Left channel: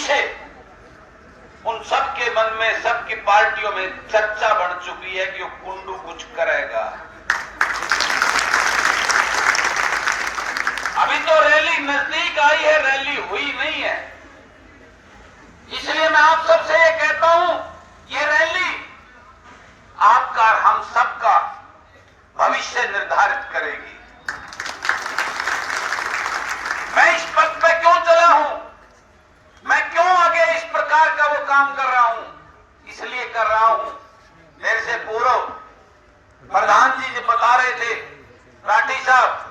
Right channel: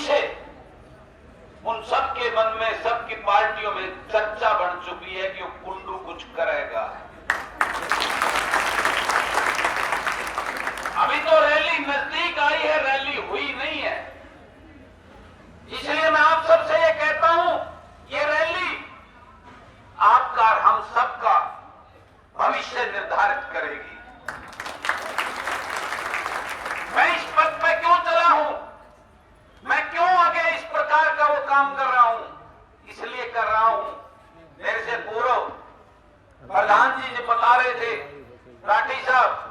से उन सबके मन में, सबकी पार्टियों में चर्चा बढ़ चुकी है कि वो कुंडू कुछ करेगा। अभी तो रैली नजदीक आई है, रैली हुई नहीं है। इसलिए मैं आप सबसे ये कहता हूं, ये रैली आपका, हम सबका भविष्य निर्धारित करेगी। मैं इस पद पे क्यों चला हूं, मैं क्यों आगे इस प्रकार का वो काम कर रहा हूं, इसलिए कर रहा हूं। मेरे से पूर्व प्रधान जी बता रहे थे, राठी साहब,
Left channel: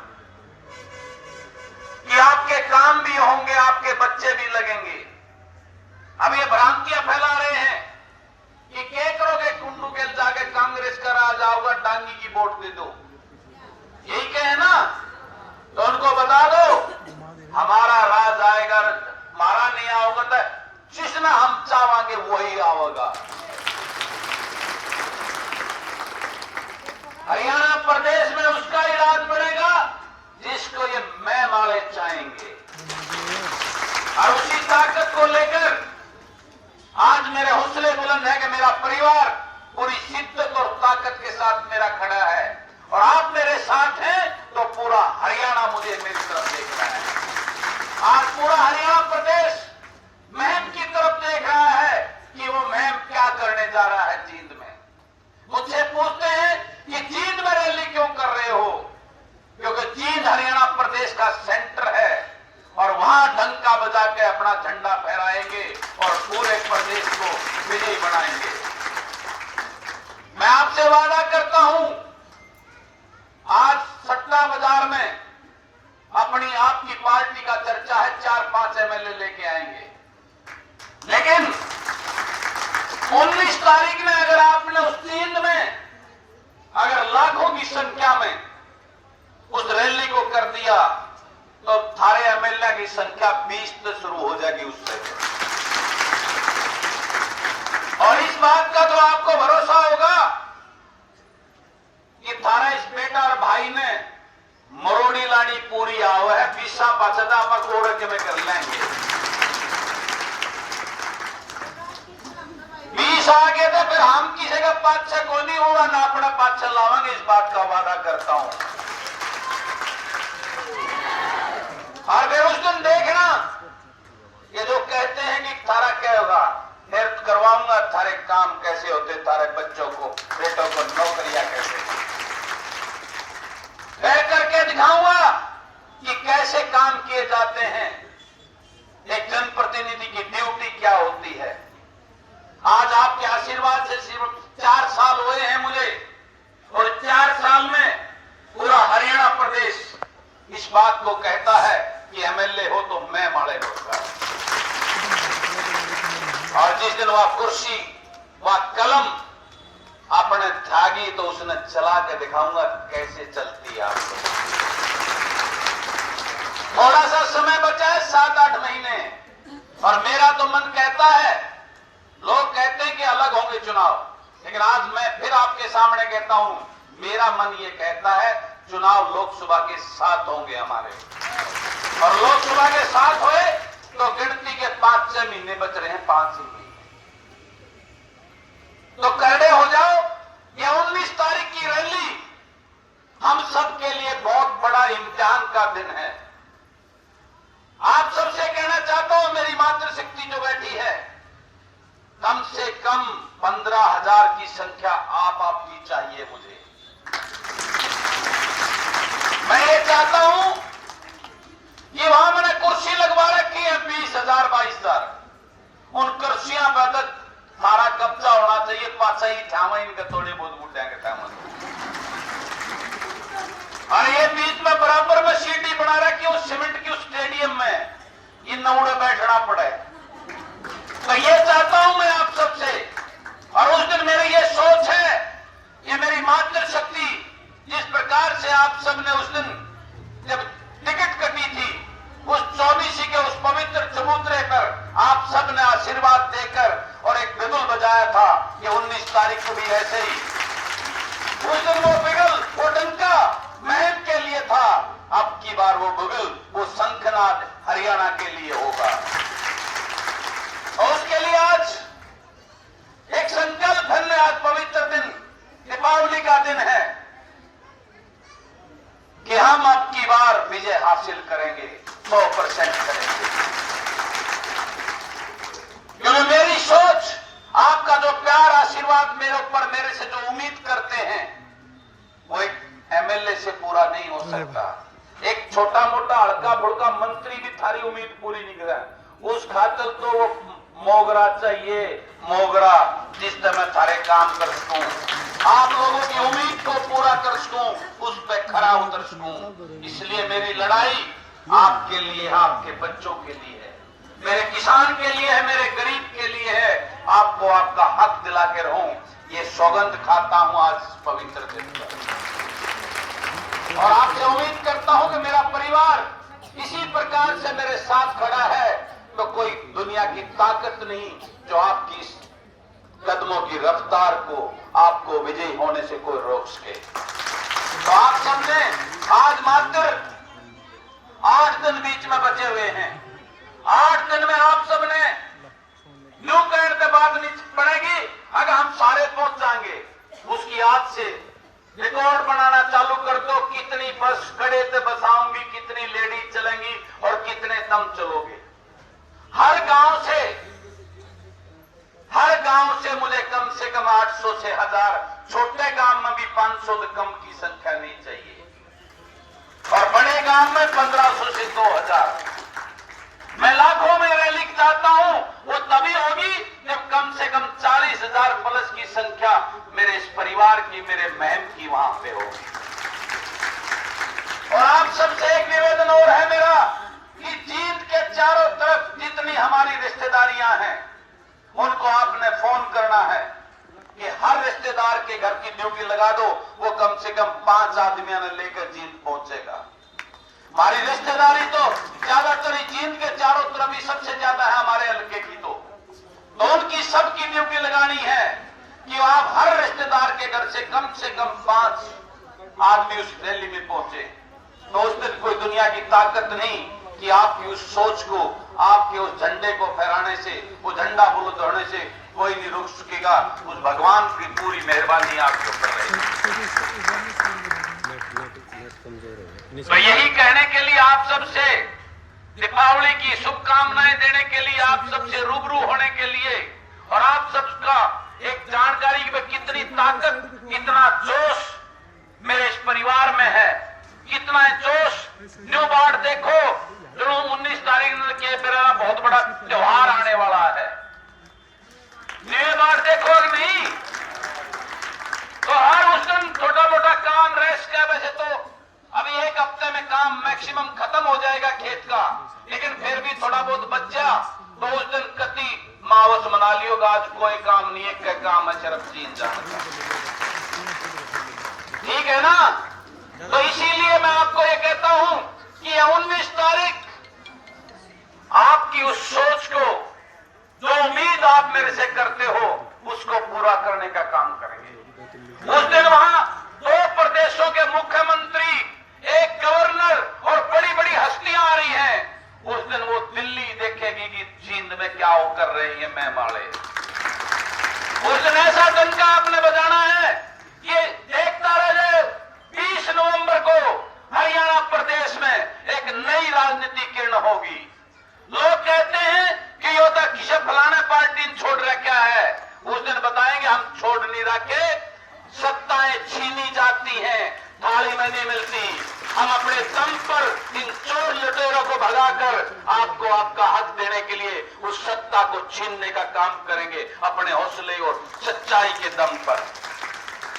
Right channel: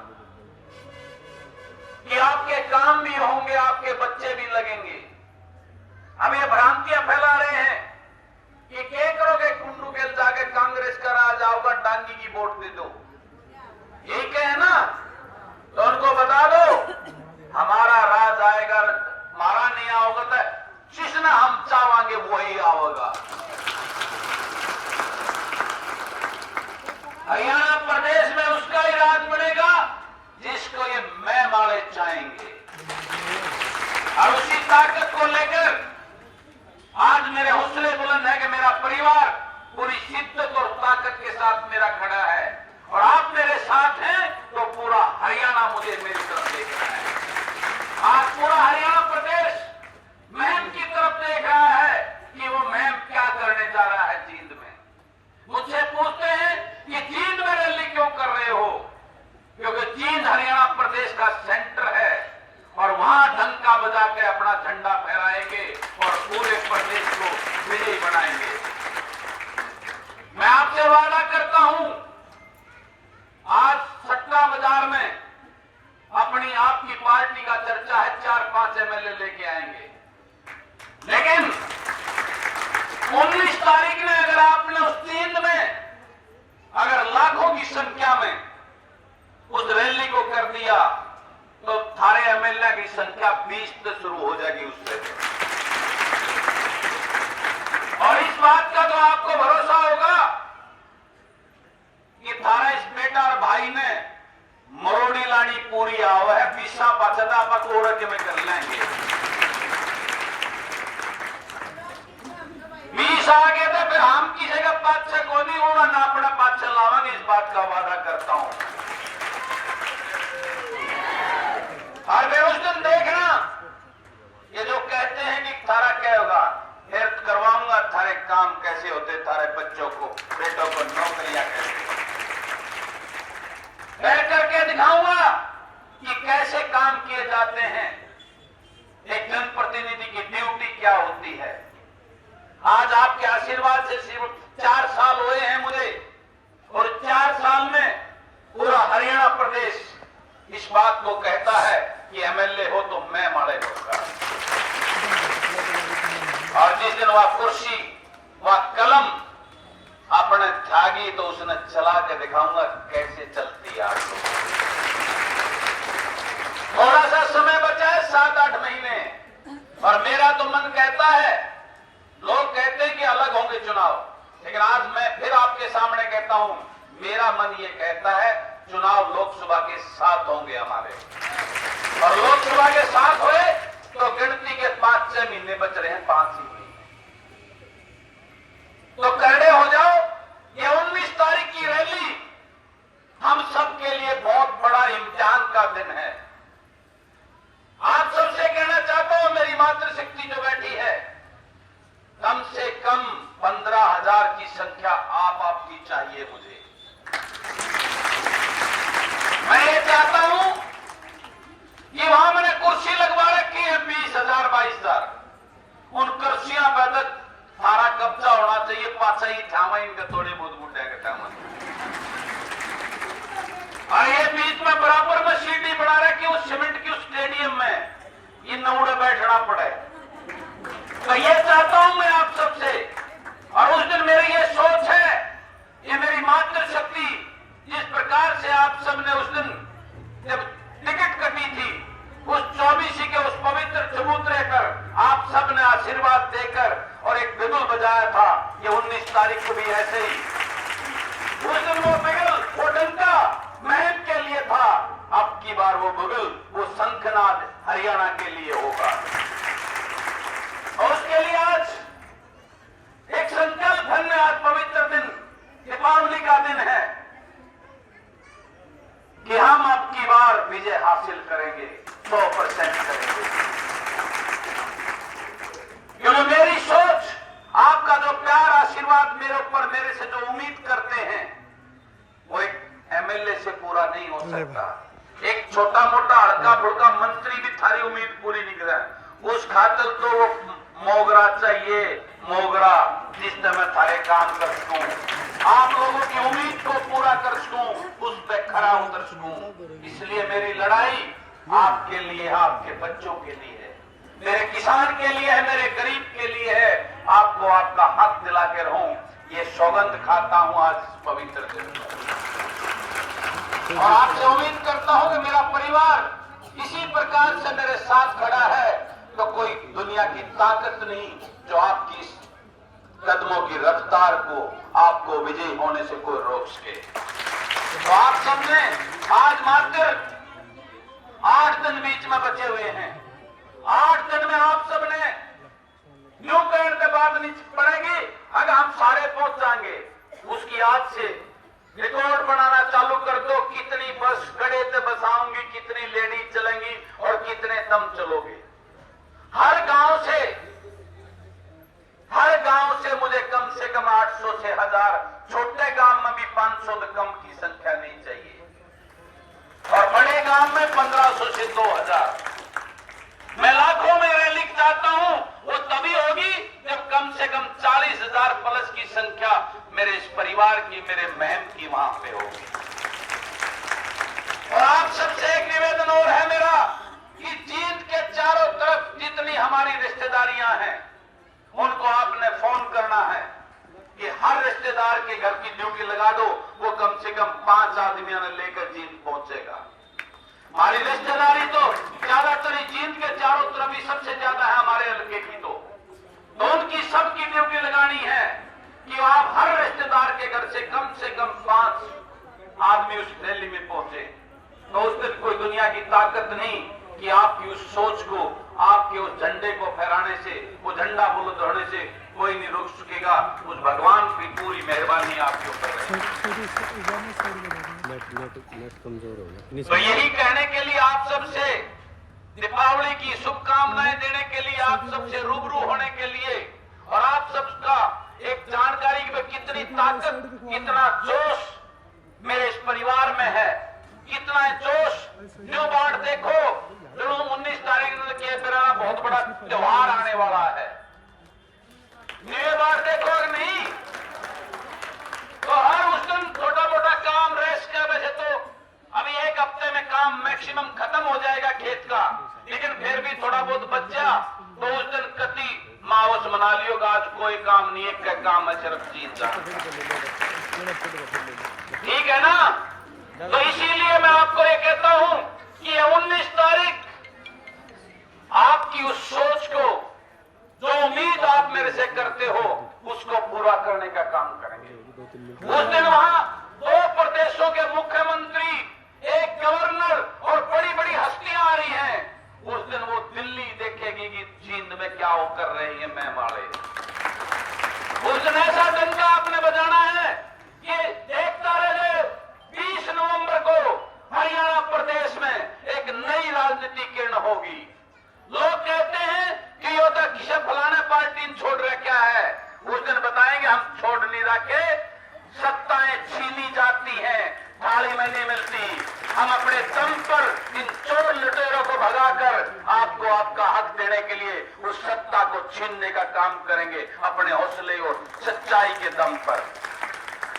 कि आपके काम भी होंगे, आपके बच्चे भी लगेंगे। अब ये भ्रांतियां फैला रहे हैं कि क्या करोगे, कुंडू के जाके कांग्रेस का राज आओगा, टांगी की वोट दे दो, यही कहे ना? तो उनको बता दो हमारा राज आएगा, हमारा नहीं आओगा तो जिसना हम चाहेंगे वही आओगा। हरियाणा प्रदेश में उसका ही राज बनेगा जिसको ये मैं माले चाहेंगे। और उसी ताकत को लेकर आज मेरे हौसले बुलंद है कि मेरा परिवार पूरी शिद्दत और ताकत के साथ मेरा खड़ा है, और आप मेरे साथ हैं तो पूरा हरियाणा मुझे मेरी तरफ देख रहा है। आज पूरा हरियाणा प्रदेश मुहिम की तरफ देख रहा है कि वो मुहिम क्या करने जा रहा है जींद में। मुझसे पूछते हैं कि जींद में रैली क्यों कर रहे हो, क्योंकि जींद हरियाणा प्रदेश का सेंटर है और वहां डंका बजा के अपना झंडा फहराएंगे और पूरे प्रदेश को विजयी बनाएंगे। मैं आपसे वादा करता हूं, आज सट्टा बाजार में अपनी आपकी पार्टी का चर्चा है, 4-5 एमएलए लेके आएंगे, लेकिन 19 तारीख में अगर आपने उस जींद में अगर लाखों की संख्या में उस रैली को कर दिया तो थारे एमएलए की संख्या 20 से शुरू हो जाएगी उससे। और इस बात का तो आपको भरोसा होगा कि थारा इस बेटा और भाई ने मरोड़ी लानी पूरी आओ है, पीसा पाचदा पकोड़ के में कर लेंगे। 20 आगे तो फिर हम की जगह 5-6 को नहीं होगा ना, अपना 5-6 लावांगे, इस बात का वादा करता हूं। और वे उस दिन देखना, ये जो कहते हैं कि थारा क्या होगा, मैं करवाऊंगा थारे काम कैसे होते, थारे बच्चों को, बेटों को नौकरियां कैसे, कह करके दिखाऊंगा कि कैसे काम किए जाते हैं, एक जनप्रतिनिधि की ड्यूटी क्या होती है। आज आपके आशीर्वाद से सिर्फ 4 साल हुए हैं मुझे, और 4 साल में पूरा हरियाणा प्रदेश इस बात को कहता है कि एमएलए हो तो मैं माड़े होगा। और जिस दिन वह कुर्सी, वह कलम अपने त्यागी तो उसने चला के दिखाऊंगा कैसे चलती है। थोड़ा सा समय बचा है, 7-8 महीने, और मेरा तो मन कहता है, लोग कहते हैं कि अलग होंगे चुनाव, लेकिन आज मैं फिर आपके सामने कहता हूं, मेरा मन ये कहता है चुनाव लोकसभा के साथ होंगे हमारे, और लोकसभा के साथ हुए तो गिनती के 5-6 महीने बच रहे हैं, 5 ही, तो करड़े हो जाओ। ये 19 तारीख की रैली हम सबके लिए बहुत बड़ा इम्तिहान का दिन है। आप सबसे कहना चाहता हूं, मेरी मातृशक्ति जो बैठी है, कम से कम 15,000 की संख्या आपकी चाहिए मुझे। मैं ये चाहता हूं, ये वहां मैंने कुर्सी लगवा रखी है 20,000, 22,000, उन कुर्सियां पर सारा कब्जा होना चाहिए, पाचा ही थामा इनका थोड़े बहुत मुट्ठेंगे थामा, और ये बीच में बराबर में सीटी बना रखी है उस सीमेंट की उस स्टेडियम में, ये नौड़े बैठना पड़े। तो ये चाहता हूं मैं आप सबसे, और उस दिन मेरी ये सोच है, ये मेरी मातृशक्ति, जिस प्रकार से आप सबने उस दिन जब टिकट कटी थी, उस 24 के उस पवित्र चबूतरे पर आप सबने आशीर्वाद देकर और एक बिगुल बजाया था, ये 19 तारीख को भी ऐसे ही, उस दिन वो बिगुल, वो डंका महम के लिए था, अब की बार वो बिगुल, वो शंखनाद हरियाणा के लिए होगा। पूरी नहीं करा। उस खातर तो वो मोगरा चाहिए, मोगरा, जिससे मैं सारे काम कर सकूं, आप लोगों की उम्मीद को पूरा कर सकूं, उस पर खरा उतर सकूं। इसलिए मेरी लड़ाई आपके लिए, आपके बच्चों के लिए है, मेरे किसान के लिए है, मेरे गरीब के लिए है। आपको आपका हक दिला के रहूं, ये सौगंध खाता हूं आज इस पवित्र दिन पर। और आपसे उम्मीद करता हूं कि मेरा परिवार इसी प्रकार से मेरे साथ खड़ा है, तो कोई दुनिया की ताकत नहीं जो आपकी इस कदमों की रफ्तार को, आपको विजयी होने से कोई रोक सके। तो आप सबने आज मात्र 8 दिन बीच में बचे हुए हैं। 8 दिन में आप सबने न्यू कहने के बाद नहीं पड़ेगी। अगर हम सारे पहुंच जाएंगे, उसकी आज से रिकॉर्ड बनाना चालू कर दो, कितनी बस खड़े से बसाऊंगी, कितनी लेडीज चलेंगी और कितने तुम चलोगे। हर गांव से मुझे कम से कम 800 से 1000, छोटे गांव में भी 500 से कम की संख्या नहीं चाहिए, और बड़े गांव में 1500 से 2000। मैं लाखों में रैली चाहता हूं, वो तभी होगी जब कम से कम 40,000 प्लस की संख्या मेरे इस परिवार की, मेरे बहन की वहां पे होगी। और आप सबसे एक निवेदन और है मेरा कि जींद के चारों तरफ जितनी हमारी रिश्तेदारियां हैं, उनको आपने फोन करना है कि हर रिश्तेदार के घर की ड्यूटी लगा दो, वो कम से कम 5 आदमियों ने लेकर जींद पहुंचेगा। हमारी रिश्तेदारी तो ज्यादातर जींद के चारों तरफ ही सबसे ज्यादा है हमारे हल्के की, तो उनकी सबकी ड्यूटी लगानी है कि आप हर रिश्तेदार के घर से कम 5 आदमी उस रैली में पहुंचे। तो उस दिन कोई दुनिया की ताकत नहीं कि आपकी उस सोच को, आपके उस झंडे को फहराने से, वो झंडा बुलंद होने से कोई नहीं रोक सकेगा। उस भगवान की पूरी मेहरबानी आपके ऊपर है। तो यही कहने के लिए आप सबसे दीपावली की शुभकामनाएं देने के लिए, आप सबसे रूबरू होने के लिए, और आप सबका एक जानकारी की कितनी ताकत, कितना जोश मेरे इस परिवार में है, कितना जोश। न्यू बाढ़ देखो, जो 19 तारीख के मेरा बहुत बड़ा त्योहार आने वाला है, न्यू बाढ़ देखो नहीं तो हर उस दिन छोटा मोटा काम रेस के वजह तो अभी 1 हफ्ते में काम मैक्सिमम खत्म हो जाएगा खेत का, लेकिन फिर भी थोड़ा बहुत बच्चा तो उस दिन कति मावस मना लियोगा। आज कोई काम नहीं, एक का काम है सिर्फ जीत जाना, ठीक है ना। तो इसीलिए मैं आपको ये कहता हूं कि 19 तारीख आपकी उस सोच को, जो उम्मीद आप मेरे से करते हो, उसको पूरा करने का काम करेंगे। उस दिन वहां 2 प्रदेशों के मुख्यमंत्री, एक गवर्नर और बड़ी बड़ी हस्तियां आ रही हैं। उस दिन वो दिल्ली देखेगी कि जींद में क्या वो कर रही है मैं वाले। उस दिन ऐसा डंका आपने बजाना है कि देखता रहे 20 नवंबर को हरियाणा प्रदेश में एक नई राजनीति किरण होगी। लोग कहते हैं कि ये तो किसी फलाने पार्टी छोड़ रखा है, उस दिन बताएंगे हम छोड़ नहीं रखे, सत्ताएं छीनी जाती हैं, थाली में नहीं मिलती। हम अपने दम पर इन चोर लुटेरों को भगाकर आपको आपका हक देने के लिए उस सत्ता को छीनने का काम करेंगे, अपने हौसले और सच्चाई के दम पर।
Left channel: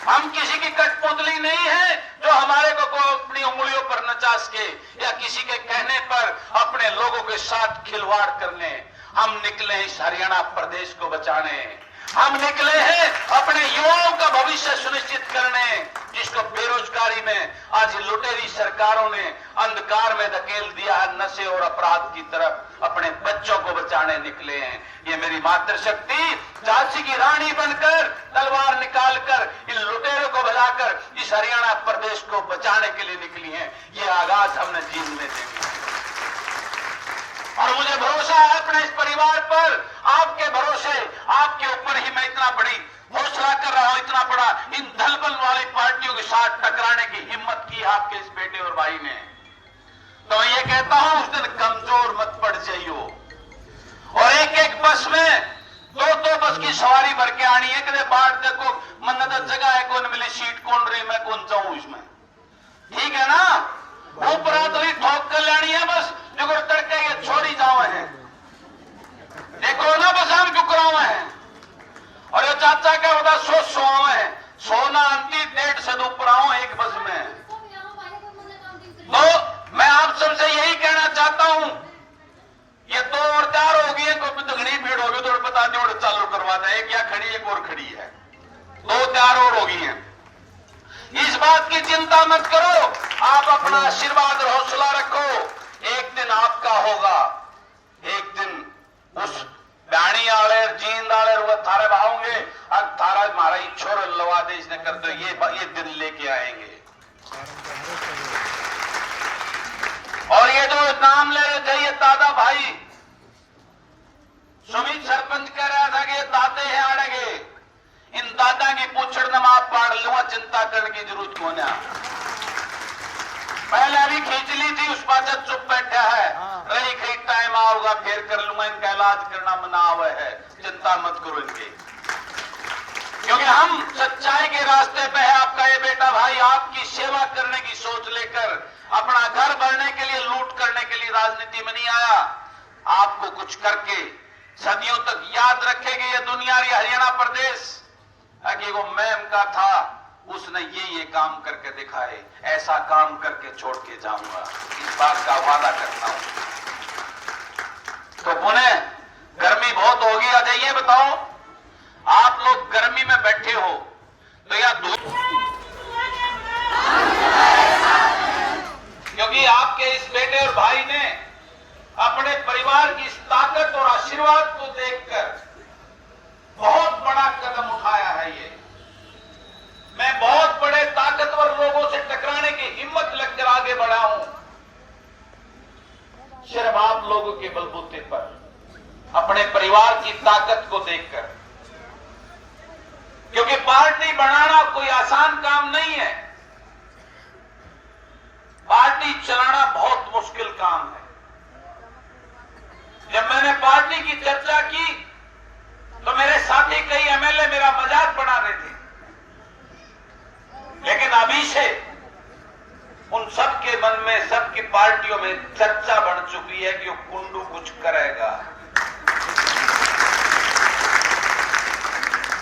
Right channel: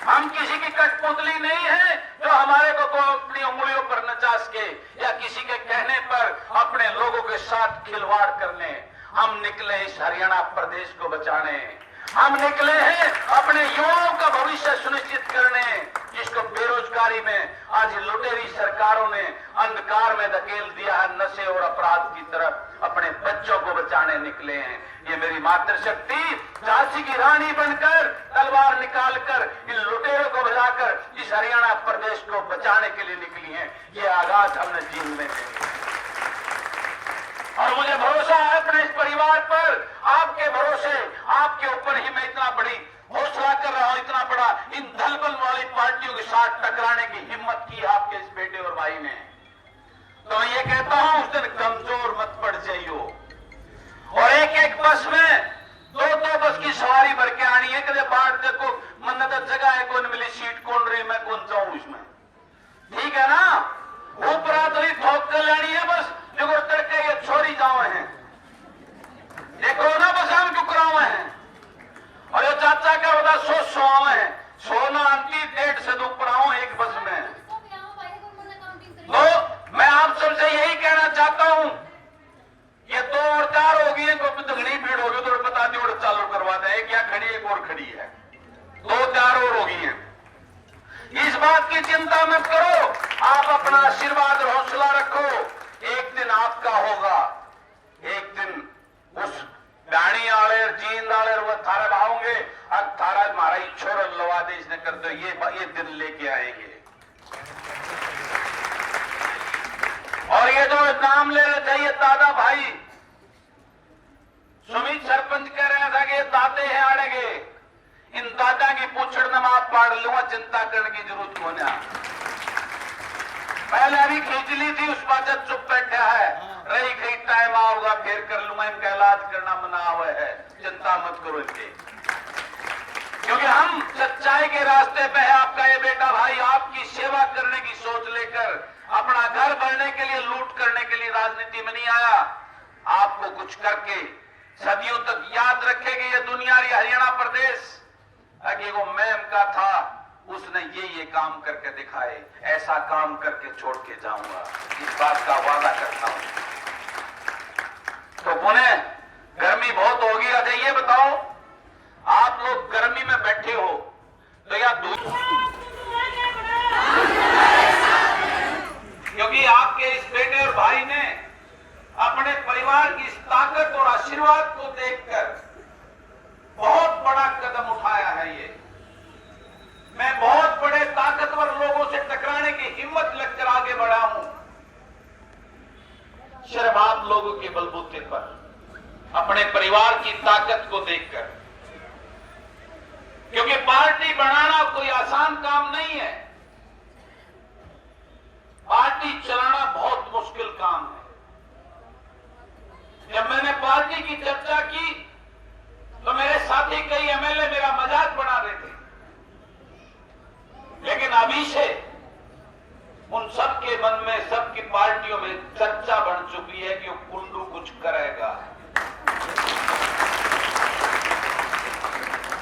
हम किसी की कठपुतली नहीं है जो हमारे को अपनी उंगलियों पर नचा सके या किसी के कहने पर अपने लोगों के साथ खिलवाड़ करने। हम निकले इस हरियाणा प्रदेश को बचाने, हम निकले हैं अपने युवाओं का भविष्य सुनिश्चित करने, जिसको बेरोजगारी में आज लुटेरी सरकारों ने अंधकार में धकेल दिया है, नशे और अपराध की तरफ अपने बच्चों को बचाने निकले हैं। ये मेरी मातृशक्ति झांसी की रानी बनकर तलवार निकालकर इन लुटेरों को भगाकर इस हरियाणा प्रदेश को बचाने के लिए निकली है। ये आगाज हमने जींद में देखा और मुझे भरोसा है अपने इस परिवार पर, आपके भरोसे, आपके ऊपर ही मैं इतना बड़ी हौसला कर रहा हूं, इतना बड़ा इन दलबल वाली पार्टियों के साथ टकराने की हिम्मत की आपके इस बेटे और भाई ने। तो ये कहता हूं उस दिन कमजोर मत पड़ जाइयो, और एक एक बस में 2-2 बस की सवारी भर के आनी है। कदे बाट देखो मन्नत जगह है, कौन मिली सीट कौन रही, मैं कौन जाऊं इसमें, ठीक है ना। ऊपर तो ठोक कर लानी है बस, जुगड़ करके ये छोड़ी जावे हैं, देखो ना बसान क्यों करावे हैं, और ये चाचा के बता सो आवे हैं, सोना आती 1.5 से ऊपर आओ एक बस में। तो मैं आप सबसे यही कहना चाहता हूं, ये 2 और 4 होगी है, तो घनी भीड़ होगी, तो बता दो चालू करवा दे, एक या खड़ी एक और खड़ी है, 2-4 और होगी हैं। इस बात की चिंता मत करो, आप अपना आशीर्वाद और हौसला रखो, एक दिन आपका होगा, एक दिन उस बैणी आले जींद आले वो थारे भावोंगे, अब थारा हमारा छोर लवा दे इसने कर दो, ये दिन लेके आएंगे। और ये जो नाम ले रहे थे ये दादा भाई, सुमित सरपंच कह रहा था कि ये दादे हैं आड़ेगे, इन दादा की पूछड़ न आप पाड़ लूंगा, चिंता करने की जरूरत को ना। पहले भी खींच ली थी, उस बात चुप बैठा है, रही कहीं टाइम आओगा फिर कर लूंगा, इनका इलाज करना मना हुआ है, चिंता मत करो इनकी, क्योंकि हम सच्चाई के रास्ते पे है। आपका ये बेटा भाई आपकी सेवा करने की सोच लेकर अपना घर बढ़ने के लिए, लूट करने के लिए राजनीति में नहीं आया, आपको कुछ करके सदियों तक याद रखेगी ये दुनिया, ये हरियाणा प्रदेश, कि वो मैम का था, उसने ये काम करके दिखाए, ऐसा काम करके छोड़ के जाऊंगा, इस बात का वादा करता हूं। तो पुणे गर्मी बहुत होगी, अच्छा ये बताओ, आप लोग गर्मी में बैठे हो तो या दूर, क्योंकि आपके इस बेटे और भाई ने अपने परिवार की इस ताकत और आशीर्वाद को देखकर बहुत बड़ा कदम उठाया है। ये मैं बहुत बड़े ताकतवर लोगों से टकराने की हिम्मत लेकर आगे बढ़ा हूं, सिर्फ आप लोगों के बलबूते पर, अपने परिवार की ताकत को देखकर, क्योंकि पार्टी बनाना कोई आसान काम नहीं है, पार्टी चलाना बहुत मुश्किल काम है। जब मैंने पार्टी की चर्चा की तो मेरे साथी कई एमएलए मेरा मजाक बना रहे थे, लेकिन अभी से उन सबके मन में, सबकी पार्टियों में चर्चा बढ़ चुकी है कि वो कुंडू कुछ करेगा।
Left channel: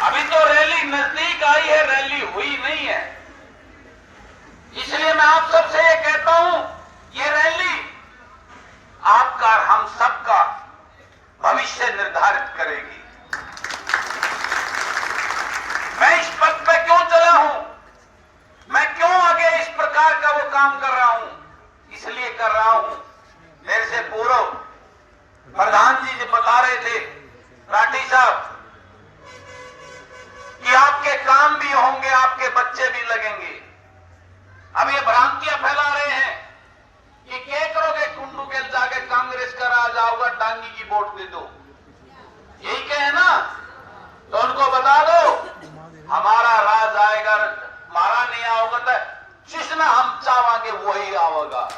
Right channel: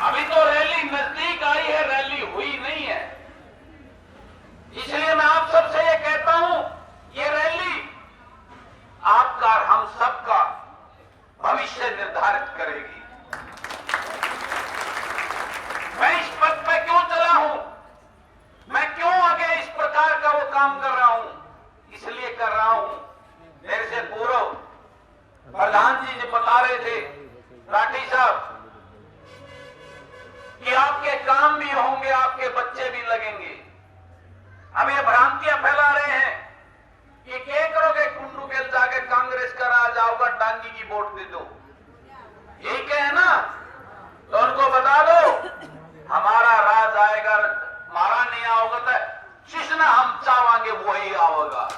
अभी तो रैली नजदीक आई है, रैली हुई नहीं है, इसलिए मैं आप सबसे ये कहता हूं, ये रैली आपका, हम सबका भविष्य निर्धारित करेगी। मैं इस पद पे क्यों चला हूं, मैं क्यों आगे इस प्रकार का वो काम कर रहा हूं, इसलिए कर रहा हूं, मेरे से पूर्व प्रधान जी जो बता रहे थे, राठी साहब, कि आपके काम भी होंगे, आपके बच्चे भी लगेंगे। अब ये भ्रांतियां फैला रहे हैं कि क्या करोगे, कुंडू के जाके कांग्रेस का राज आऊगा, टांगी की वोट दे दो, यही कहे ना, तो उनको बता दो हमारा राज आएगा, हमारा नहीं आओगे तो जिसने हम चाहेंगे वही आओगा।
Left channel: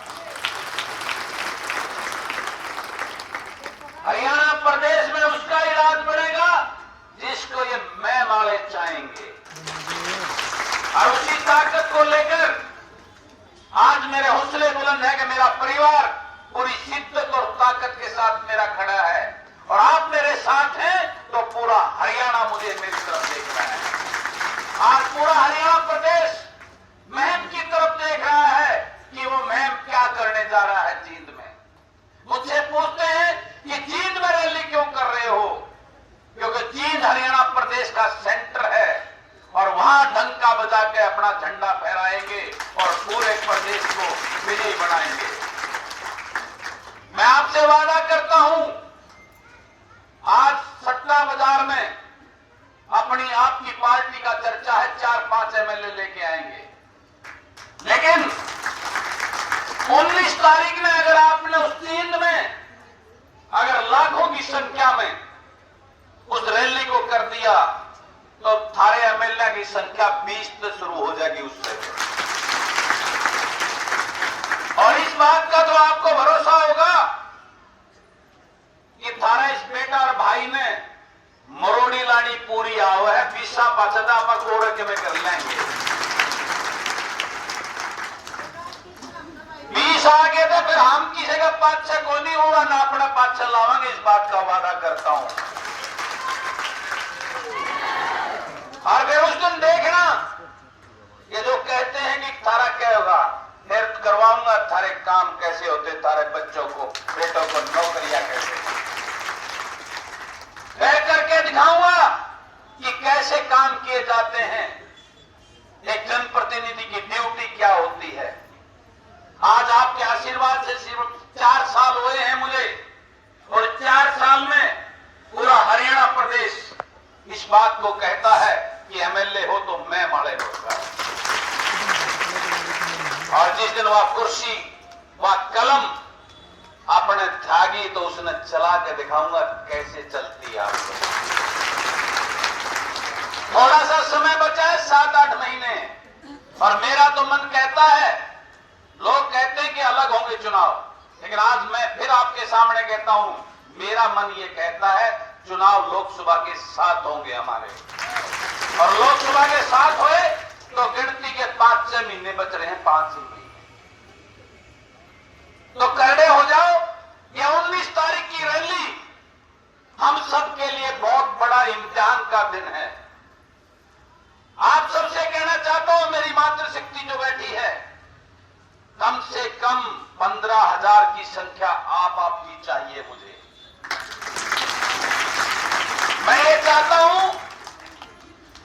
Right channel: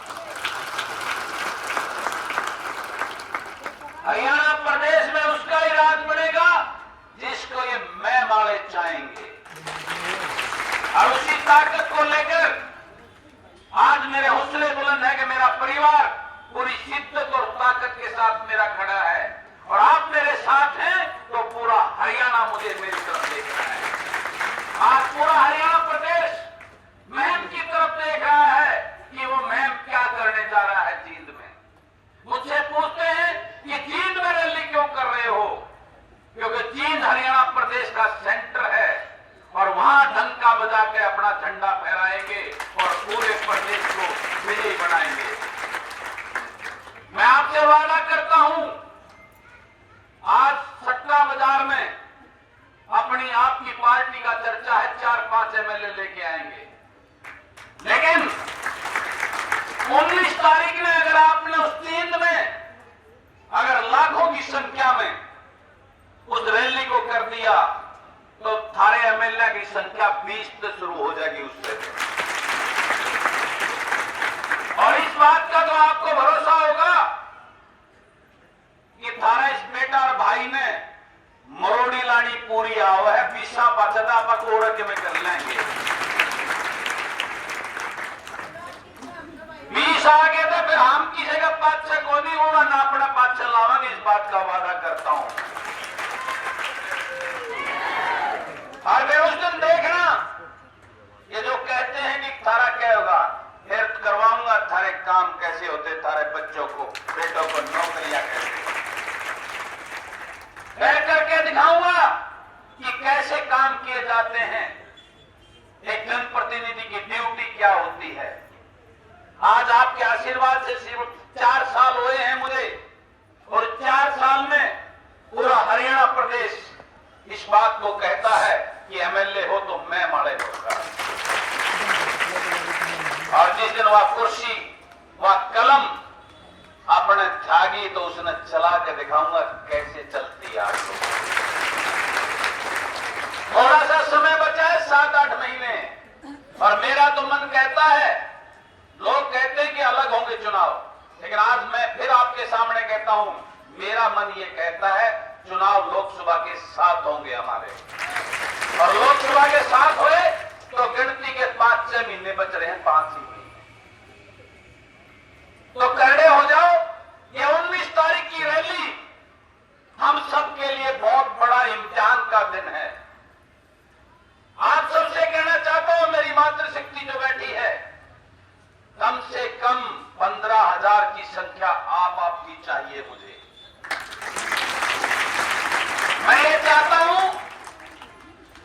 हरियाणा प्रदेश में उसका ही राज बनेगा जिसको ये मैं वाले चाहेंगे, और उसी ताकत को लेकर आज मेरे हौसले बुलंद है कि मेरा परिवार पूरी शिद्दत और ताकत के साथ मेरा खड़ा है, और आप मेरे साथ हैं तो पूरा हरियाणा मुझे मेरी तरफ देख रहा है। आज पूरा हरियाणा प्रदेश महम की तरफ देख रहा है कि वो महम क्या करने जा रहा है जींद में। मुझसे पूछते हैं कि जींद में रैली क्यों कर रहे हो, क्योंकि जींद हरियाणा प्रदेश का सेंटर है, और वहां डंका बजा के अपना झंडा फहराएंगे और पूरे प्रदेश को विजयी बनाएंगे। मैं आपसे वादा करता हूं, आज सट्टा बाजार में अपनी आपकी पार्टी का चर्चा है, 4-5 एमएलए लेके आएंगे, लेकिन 19 तारीख में अगर आपने उस जींद में अगर लाखों की संख्या में उस रैली को कर दिया तो थारे एमएलए की संख्या 20 से शुरू हो जाएगी उससे। और इस बात का तो आपको भरोसा होगा कि थारे इस बेटा और भाई ने मरोड़ी लानी पूरी आओ है, पीसा पाचदा आप कोड़े के में कर लेंगे। 20 पुलिस आ गए तो फिर हम किसी का पाछा को नहीं होगा ना अपना पाछा लावांगे, इस बात का वादा करता हूं। और वे उस दिन देखना ये जो कहते हैं कि थारा क्या होगा, फिर करवाऊंगा थारे काम कैसे होते, तारे बच्चों को बेटों को नौकरियां कैसे, कह करके दिखाऊंगा कि कैसे काम किए जाते हैं, एक जनप्रतिनिधि की ड्यूटी क्या होती है। आज आपके आशीर्वाद से सिर्फ 4 साल हुए हैं मुझे, और 4 साल में पूरा हरियाणा प्रदेश इस बात को कहता है कि एमएलए हो तो मैं माड़े होगा। और जिस दिन वह कुर्सी वह कलम अपने त्यागी तो उसने चला के दिखाऊंगा कैसे चलती है। आपको थोड़ा सा समय बचा है, 7-8 महीने, और मेरा तो मन कहता है, लोग कहते हैं कि अलग होंगे चुनाव, लेकिन आज मैं फिर आपके सामने कहता हूं, मेरा मन ये कहता है चुनाव लोकसभा के साथ होंगे हमारे, और लोकसभा के साथ हुए तो गिनती के 5-6 महीने बच रहे हैं, 5 ही, तो खड़े हो जाओ। ये 19 तारीख की रैली हम सबके लिए बहुत बड़ा इम्तिहान का दिन है। आप सबसे कहना चाहता हूं, मेरी मातृशक्ति जो बैठी है, कम से कम 15,000 की संख्या आपकी चाहिए मुझे। मैं ये चाहता हूं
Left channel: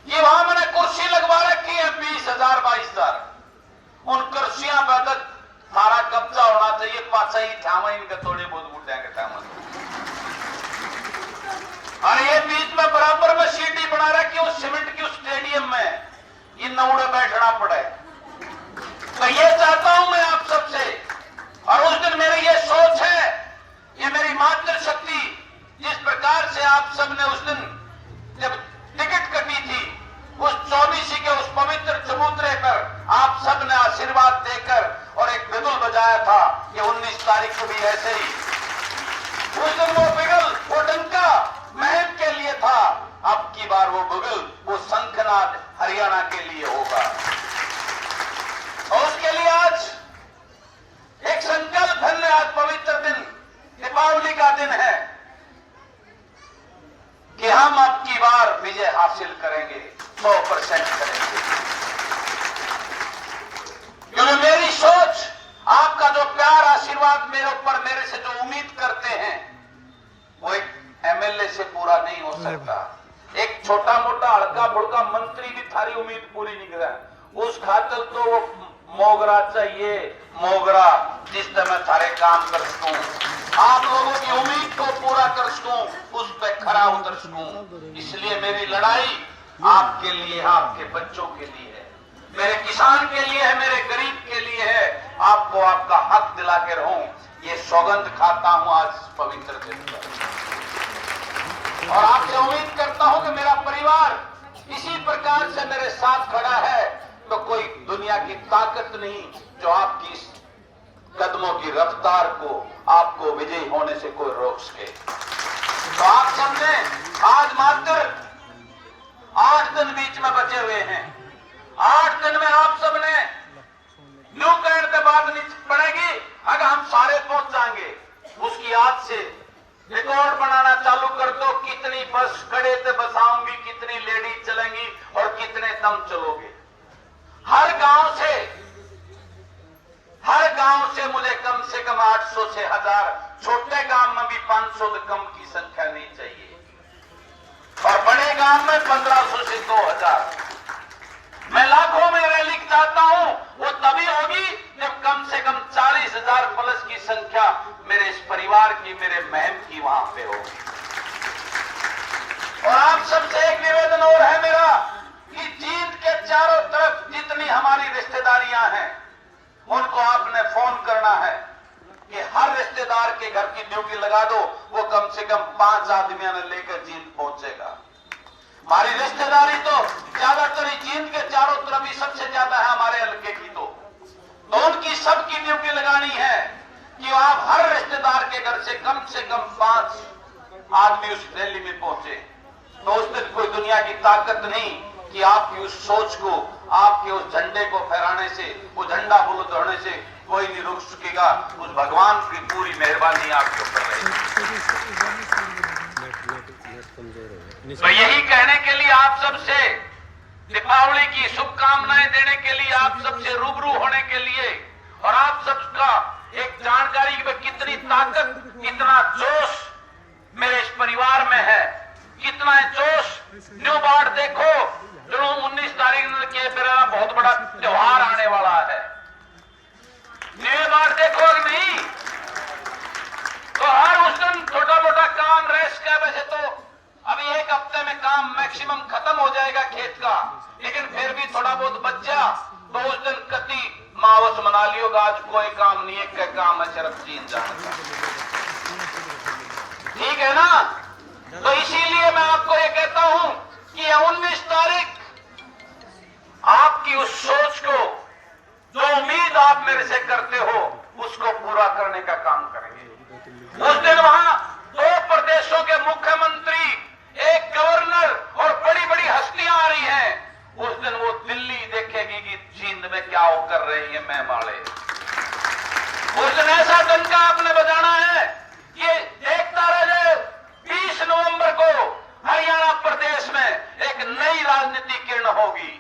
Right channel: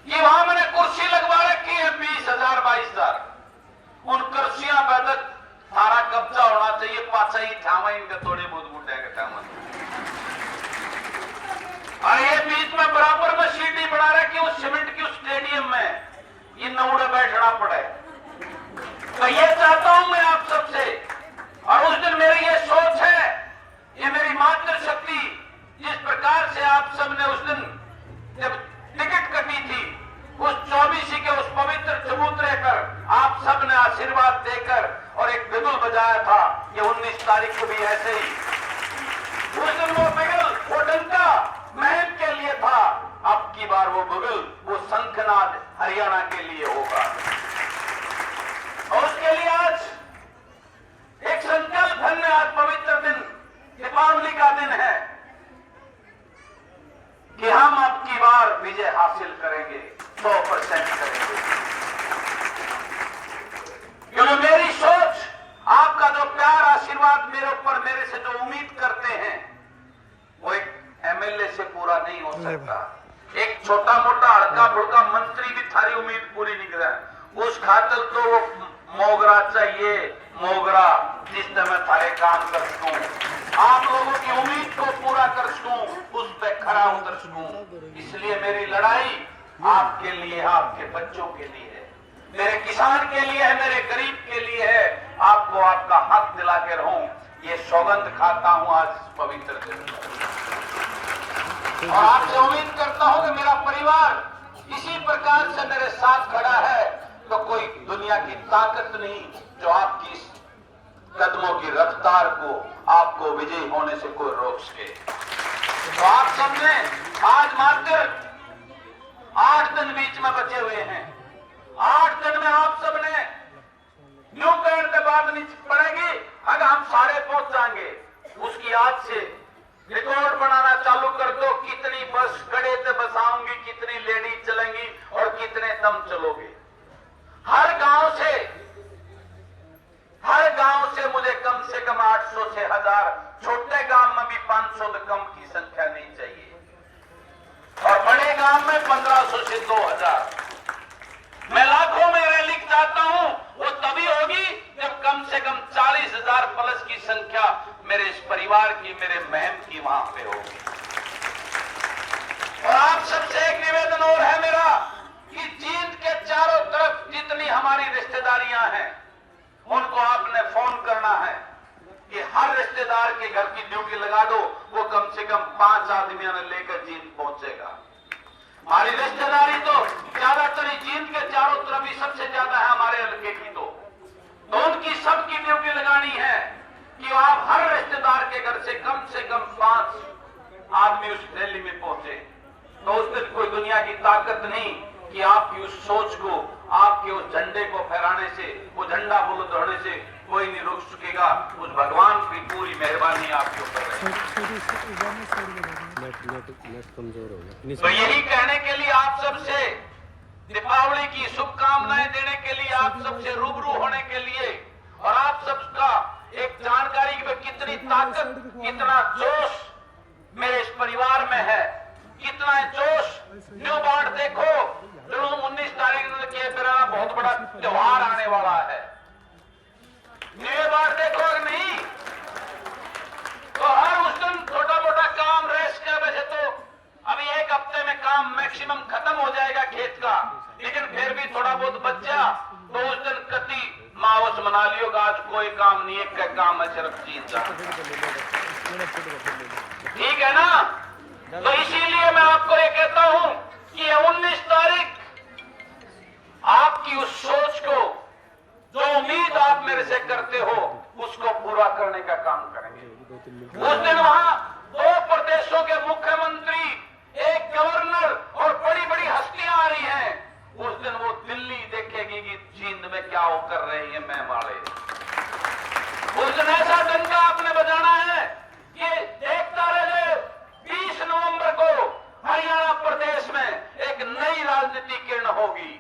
कि वहां मैंने कुर्सी लगवा रखी है 20,000 22,000, उन कुर्सियां पर तक सारा कब्जा होना चाहिए, पाचा ही थामा इनका थोड़े बहुत बुढ़ेंगे थामा, और ये बीच में बराबर में सीटी बना रखी उस सीमेंट की उस स्टेडियम में, ये नौड़े बैठना पड़े। तो ये चाहता हूं मैं आप सबसे, और उस दिन मेरी ये सोच है, ये मेरी मातृशक्ति, जिस प्रकार से आप सबने उस दिन जब टिकट कटी थी, उस 24 के उस पवित्र चबूतरे पर आप सबने आशीर्वाद देकर और एक बिगुल बजाया था, ये 19 तारीख को भी ऐसे ही। उस दिन वो बिगुल, वो डंका महम के लिए था, अब की बार वो बिगुल, वो शंखनाद हरियाणा के लिए होगा। और उसके लिए आज एक संकल्प है, आज पवित्र दिन, दीपावली का दिन है, कि हम अब की बार विजय हासिल करेंगे, 100% करेंगे। क्योंकि मेरी सोच, आपका जो प्यार आशीर्वाद मेरे ऊपर, मेरे से जो उम्मीद करते हैं, वो एक एमएलए से पूरा नहीं हो सकता। एक छोटा मोटा हल्का फुल्का मंत्री भी थारी उम्मीद पूरी नहीं कर, उस खातर तो वो मोगरा चाहिए, मोगरा, जिस तरह मैं थारे काम कर सकूं, आप लोगों की उम्मीद को पूरा कर सकूं, उस पर खरा उतर सकूं। इसलिए मेरी लड़ाई आपके लिए, आपके बच्चों के लिए है, मेरे किसान के लिए है, मेरे गरीब के लिए है, आपको आपका हक दिला के रहूं, ये सौगंध खाता हूं आज पवित्र दिन। और आपसे उम्मीद करता हूं कि मेरा परिवार इसी प्रकार से मेरे साथ खड़ा है, तो कोई दुनिया की ताकत नहीं जो आपकी इस कदमों की रफ्तार को, आपको विजयी होने से कोई रोक सके। तो आप सबने आज मात्र 8 दिन बीच में बचे हुए हैं, 8 दिन में आप सबने न्यू कहने के बाद नहीं पड़ेगी, अगर हम सारे पहुंच जाएंगे, उसकी आज से रिकॉर्ड बनाना चालू कर दो, कितनी बस गड़े से बसाऊंगी, कितनी लेडीज चलेंगी और कितने तुम चलोगे। हर गांव से मुझे कम से कम 800 से 1000, छोटे गांव में भी 500 से कम की संख्या नहीं चाहिए, और बड़े गांव में 1500 से 2000। मैं लाखों में रैली चाहता हूं, वो तभी होगी जब कम से कम 40,000 प्लस की संख्या मेरे इस परिवार की, मेरे बहन की वहां पे होगी। और आप सबसे एक निवेदन और है मेरा, कि जींद के चारों तरफ जितनी हमारी रिश्तेदारियां हैं, उनको आपने फोन करना है कि हर रिश्तेदार के घर की ड्यूटी लगा दो, वो कम से कम 5 आदमियों ने लेकर जींद पहुंचेगा। हमारी रिश्तेदारी तो ज्यादातर जींद के चारों तरफ ही सबसे ज्यादा है हमारे हल्के की, तो उनकी सबकी ड्यूटी लगानी है कि आप हर रिश्तेदार के घर से कम 5 आदमी उस रैली में पहुंचे। तो उस दिन कोई दुनिया की ताकत नहीं कि आपकी उस सोच को, आपके उस झंडे को फहराने से, वो झंडा बुलंद होने से कोई नहीं रोक सकेगा। उस भगवान की पूरी मेहरबानी आपके ऊपर है। तो यही कहने के लिए आप सबसे दीपावली की शुभकामनाएं देने के लिए, आप सबसे रूबरू होने के लिए और आप सबका एक जानकारी कि कितनी ताकत, कितना जोश मेरे इस परिवार में है, कितना जोश। न्यू बार देखो, जो 19 तारीख के मेरा बहुत बड़ा त्योहार आने वाला है। न्यू बार देखो नहीं तो हर उस दिन छोटा मोटा काम रेस्ट क्या वजह तो अभी एक हफ्ते में काम मैक्सिमम खत्म हो जाएगा खेत का, लेकिन फिर भी थोड़ा बहुत बच्चा तो उस दिन कति मावस मना लियोगा। आज कोई काम नहीं है, क्या काम है, सिर्फ जीन जाओ, ठीक है ना। तो इसीलिए मैं आपको ये कहता हूं कि 19 तारीख आपकी उस सोच को, जो उम्मीद आप मेरे से करते हो, उसको पूरा करने का काम करेंगे। उस दिन वहां 2 प्रदेशों के मुख्यमंत्री, एक गवर्नर और बड़ी बड़ी हस्तियां आ रही हैं। उस दिन वो दिल्ली देखेगी कि जींद में क्या वो कर रहे हैं मैं माले। उस दिन ऐसा डंका आपने बजाना है कि देखता रहे। 20 नवंबर को हरियाणा प्रदेश में एक नई राजनीति किरण होगी।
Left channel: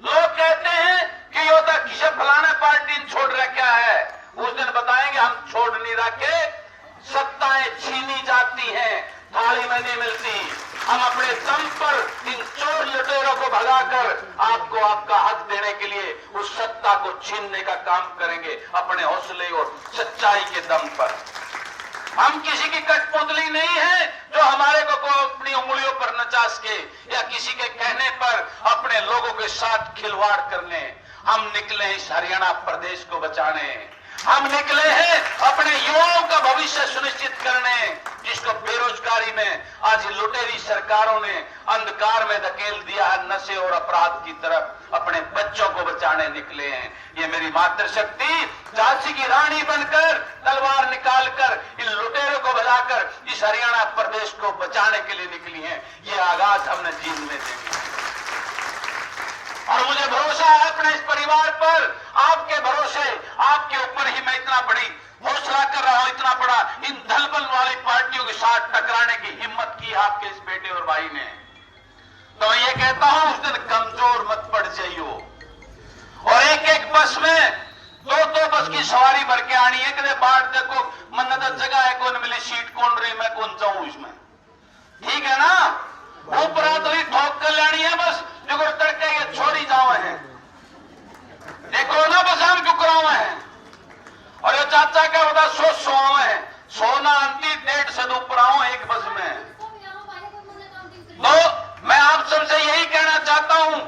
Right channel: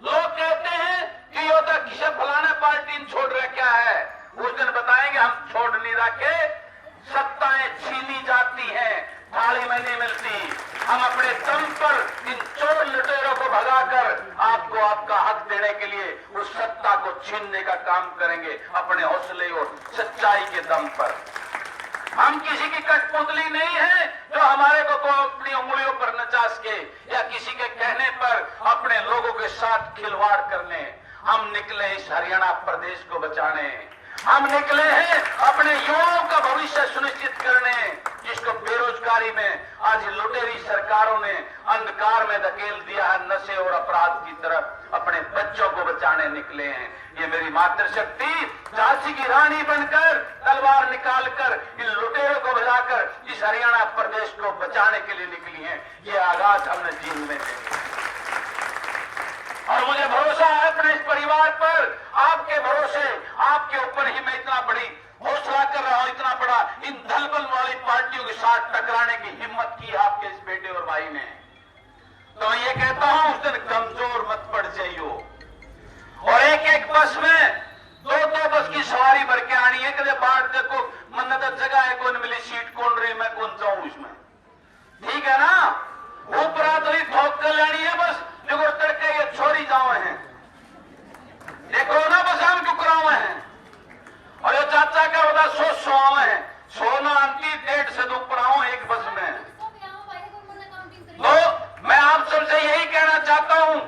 लोग कहते हैं कि योद्धा किशन फलाना पार्टी छोड़ रखा है, उस दिन बताएंगे हम छोड़ नहीं रखे, सत्ताएं छीनी जाती हैं, थाली में नहीं मिलती। हम अपने दम पर इन चोर लुटेरों को भगाकर आपको आपका हक देने के लिए उस सत्ता को छीनने का काम करेंगे, अपने हौसले और सच्चाई के दम पर। हम किसी की कठपुतली नहीं है जो हमारे को अपनी उंगलियों पर नचा सके या किसी के कहने पर अपने लोगों के साथ खिलवाड़ करने। हम निकले इस हरियाणा प्रदेश को बचाने, हम निकले हैं अपने युवाओं का भविष्य सुनिश्चित करने, जिसको बेरोजगारी में आज लुटेरी सरकारों ने अंधकार में धकेल दिया है, नशे और अपराध की तरफ। अपने बच्चों को बचाने निकले हैं। ये मेरी मातृशक्ति झांसी की रानी बनकर तलवार निकालकर इन लुटेरों को भगाकर इस हरियाणा प्रदेश को बचाने के लिए निकली है। ये आगाज हमने जींद में देखा और मुझे भरोसा है अपने इस परिवार पर, आपके भरोसे, आपके ऊपर ही मैं इतना बड़ी हौसला कर रहा हूं, इतना बड़ा इन दलबल वाली पार्टियों के साथ टकराने की हिम्मत की आपके इस बेटे और भाई ने। तो मैं ये कहता हूं उस दिन कमजोर मत पड़ जाइयो। और एक एक बस में 2-2 बस की सवारी भर के आनी है। कदे बाट देखो मन जगह है, कौन मिली सीट कौन रही, मैं कौन जाऊं इसमें, ठीक है ना। ऊपर तो ही ठोक कर लानी है बस, जो तड़के ये छोड़ी जावे हैं, देखो ना बस हम क्यों करावे हैं। और ये चाचा का बता 100 है, सोना अंति 150 से ऊपर आओ एक बस में। तो मैं आप सबसे यही कहना चाहता हूं,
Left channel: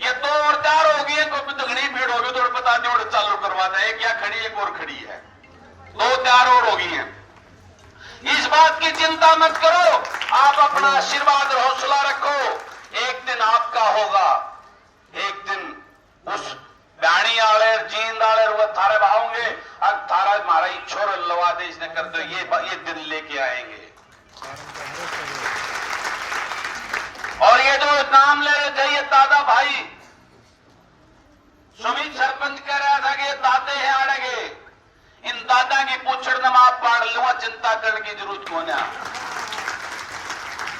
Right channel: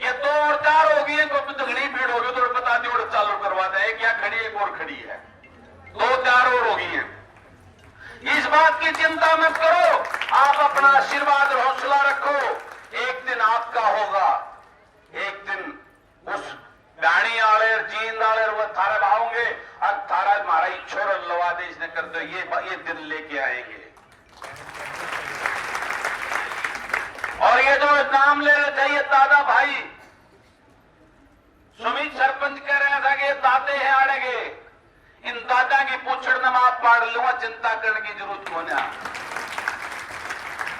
ये 2 और 4 होगी है, तो घनी भीड़ होगी तो बता दो चालू करवा दे। एक या खड़ी, एक और खड़ी है, 2-4 और होगी है। इस बात की चिंता मत करो, आप अपना आशीर्वाद और हौसला रखो। एक दिन आपका होगा, एक दिन उस बैणी आले जींद आले वो थारे भावोंगे, अब थारा मारा छोर लवा दे इसने कर दो, ये दिन लेके आएंगे। और ये जो नाम ले रहे थे ये दादा भाई, सुमित सरपंच कह रहा था कि ये दादे हैं आड़ेगे, इन दादा की पूछड़ नमा पाड़ लूंगा, चिंता करने की जरूरत कौन है।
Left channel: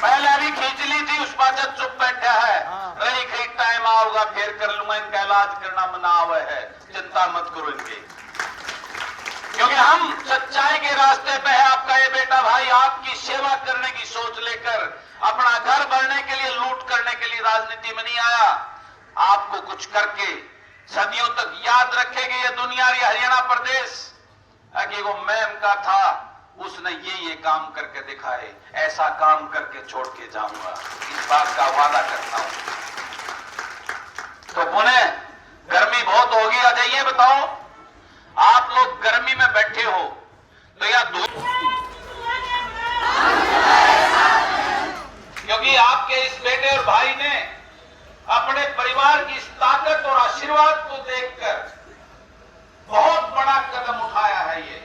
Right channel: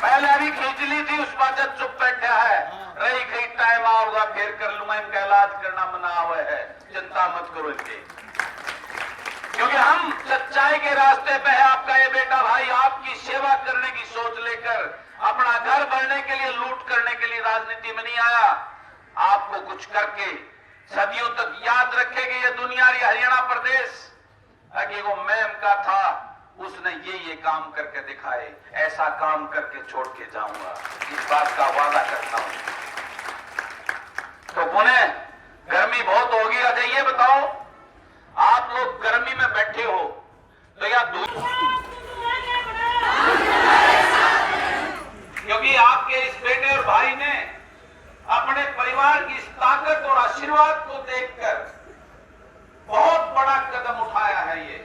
पहले भी खींच ली थी, उस बात चुप बैठा है, रही कहीं टाइम आओगा फिर कर लूंगा, इनका इलाज करना मना हुआ है, चिंता मत करो इनकी। क्योंकि हम सच्चाई के रास्ते पे है। आपका ये बेटा भाई आपकी सेवा करने की सोच लेकर, अपना घर भरने के लिए, लूट करने के लिए राजनीति में नहीं आया। आपको कुछ करके सदियों तक याद रखेगी ये दुनिया, ये हरियाणा प्रदेश कि वो मैम का था, उसने ये काम करके दिखाए, ऐसा काम करके छोड़ के जाऊंगा, इस बात का वादा करता हूं। तो पुणे गर्मी बहुत होगी। अच्छा ये बताओ, आप लोग गर्मी में बैठे हो तो या दूर, क्योंकि आपके इस बेटे और भाई ने अपने परिवार की इस ताकत और आशीर्वाद को देखकर बहुत बड़ा कदम उठाया है। ये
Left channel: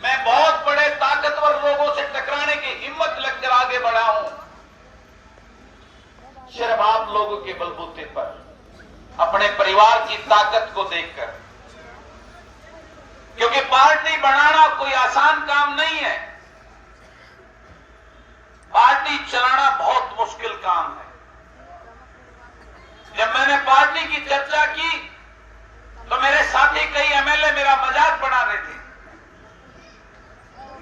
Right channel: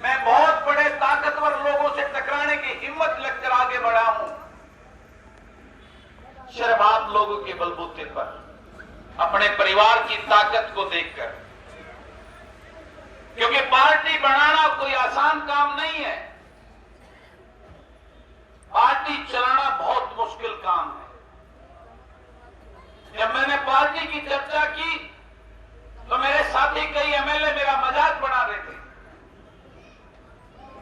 मैं बहुत बड़े ताकतवर लोगों से टकराने की हिम्मत लेकर आगे बढ़ा हूं, सिर्फ आप लोगों के बलबूते पर, अपने परिवार की ताकत को देखकर। क्योंकि पार्टी बनाना कोई आसान काम नहीं है। पार्टी चलाना बहुत मुश्किल काम है। जब मैंने पार्टी की चर्चा की तो मेरे साथी कई एमएलए मेरा मजाक बना रहे थे,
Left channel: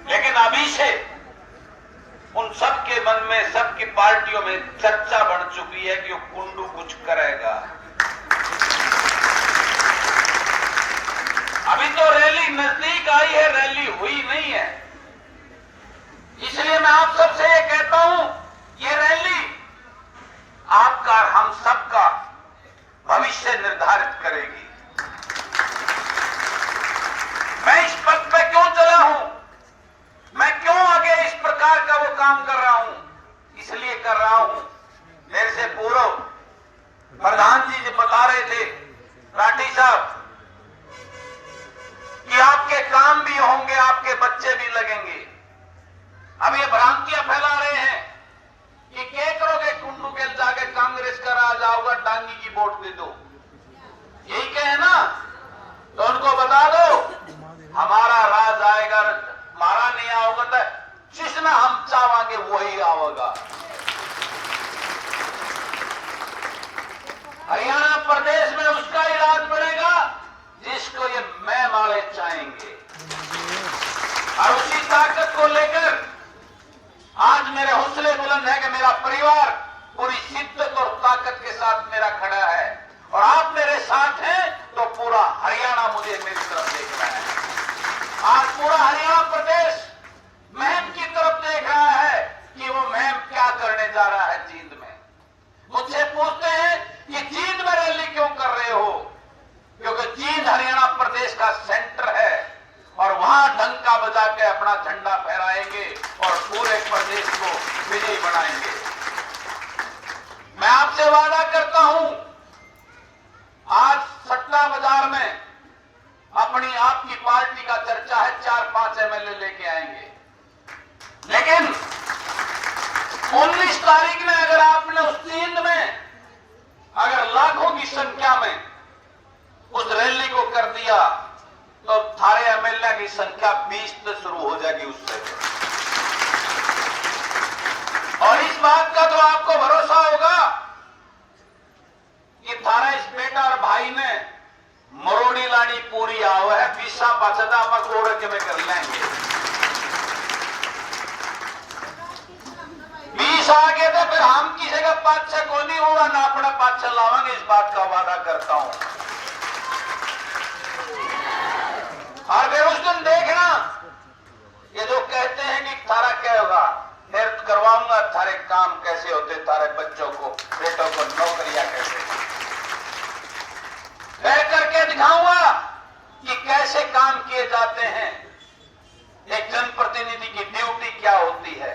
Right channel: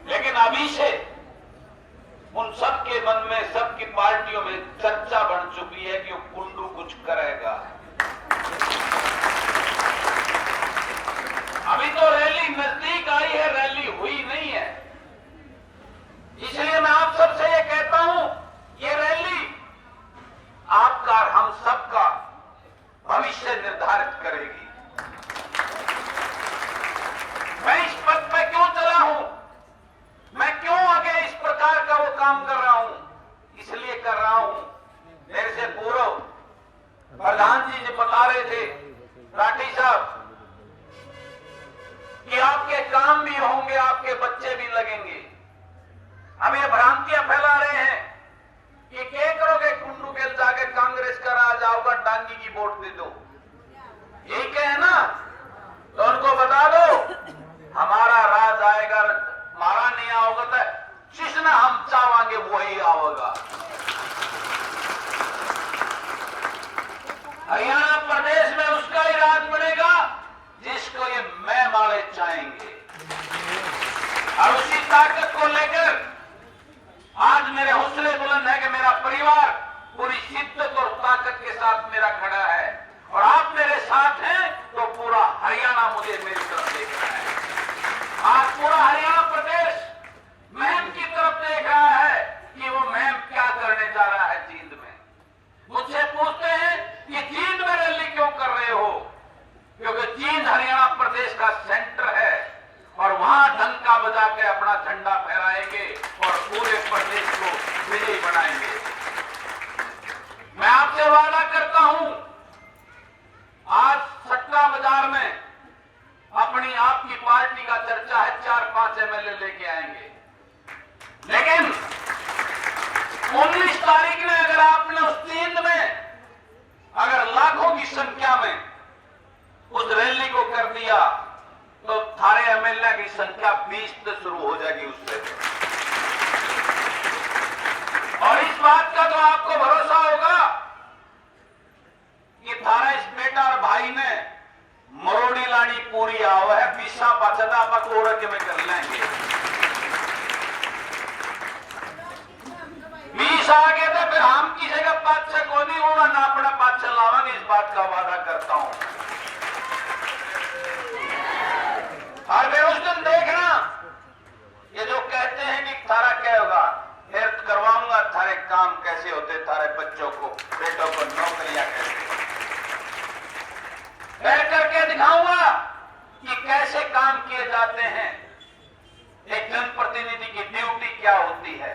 लेकिन अभी से उन सबके मन में, सबकी पार्टियों में चर्चा बढ़ चुकी है कि वो कुंडू कुछ करेगा। अभी तो रैली नजदीक आई है, रैली हुई नहीं है। इसलिए मैं आप सबसे ये कहता हूं, ये रैली आपका, हम सबका भविष्य निर्धारित करेगी। मैं इस पद पर क्यों चला हूं, मैं क्यों आगे इस प्रकार का वो काम कर रहा हूं, इसलिए कर रहा हूं। मेरे से पूर्व प्रधान जी बता रहे थे, राठी साहब, कि आपके काम भी होंगे, आपके बच्चे भी लगेंगे। अब ये भ्रांतियां फैला रहे हैं कि क्या करोगे, कुंडू के जाके कांग्रेस का राज आओगा, डांगी की वोट दे दो, यही कहे ना? तो उनको बता दो हमारा राज आएगा, हमारा नहीं आओगा तो जिसने हम चाहेंगे वही आओगा। हरियाणा प्रदेश में उसका ही राज बनेगा जिसको ये मैं माले चाहेंगे। और उसी ताकत को लेकर आज मेरे हौसले बुलंद है कि मेरा परिवार पूरी शिद्दत और ताकत के साथ मेरा खड़ा है, और आप मेरे साथ हैं तो पूरा हरियाणा मुझे मेरी तरफ देख रहा है। आज पूरा हरियाणा प्रदेश मुहिम की तरफ देख रहा है कि वो मुहिम क्या करने जा रहा है जींद में। मुझसे पूछते हैं कि जींद में रैली क्यों कर रहे हो, क्योंकि जींद हरियाणा प्रदेश का सेंटर है और वहां डंका बजा के अपना झंडा फहराएंगे और पूरे प्रदेश को विजयी बनाएंगे। मैं आपसे वादा करता हूं, आज सट्टा बाजार में अपनी आपकी पार्टी का चर्चा है, 4-5 एमएलए लेके आएंगे, लेकिन 19 तारीख में अगर आपने उस जींद में अगर लाखों की संख्या में उस रैली को कर दिया तो थारे एमएलए की संख्या 20 से शुरू हो जाएगी उससे। और इस बात का तो आपको भरोसा होगा कि थारा इस बेटा और भाई ने मरोड़ी लानी पूरी आवा है, पीसा बचता पकोड़ के में कर लेंगे। 20 आ गए तो फिर हम की जगह 5-6 को नहीं होगा ना, अपना 5-6 लावांगे, इस बात का वादा करता हूं। और वे उस दिन देखना, ये जो कहते हैं कि थारा क्या होगा, फिर करवाऊंगा थारे काम कैसे होते, थारे बच्चों को, बेटों को नौकरियां कैसे, कह करके दिखाऊंगा कि कैसे काम किए जाते हैं, एक जनप्रतिनिधि की ड्यूटी क्या होती है।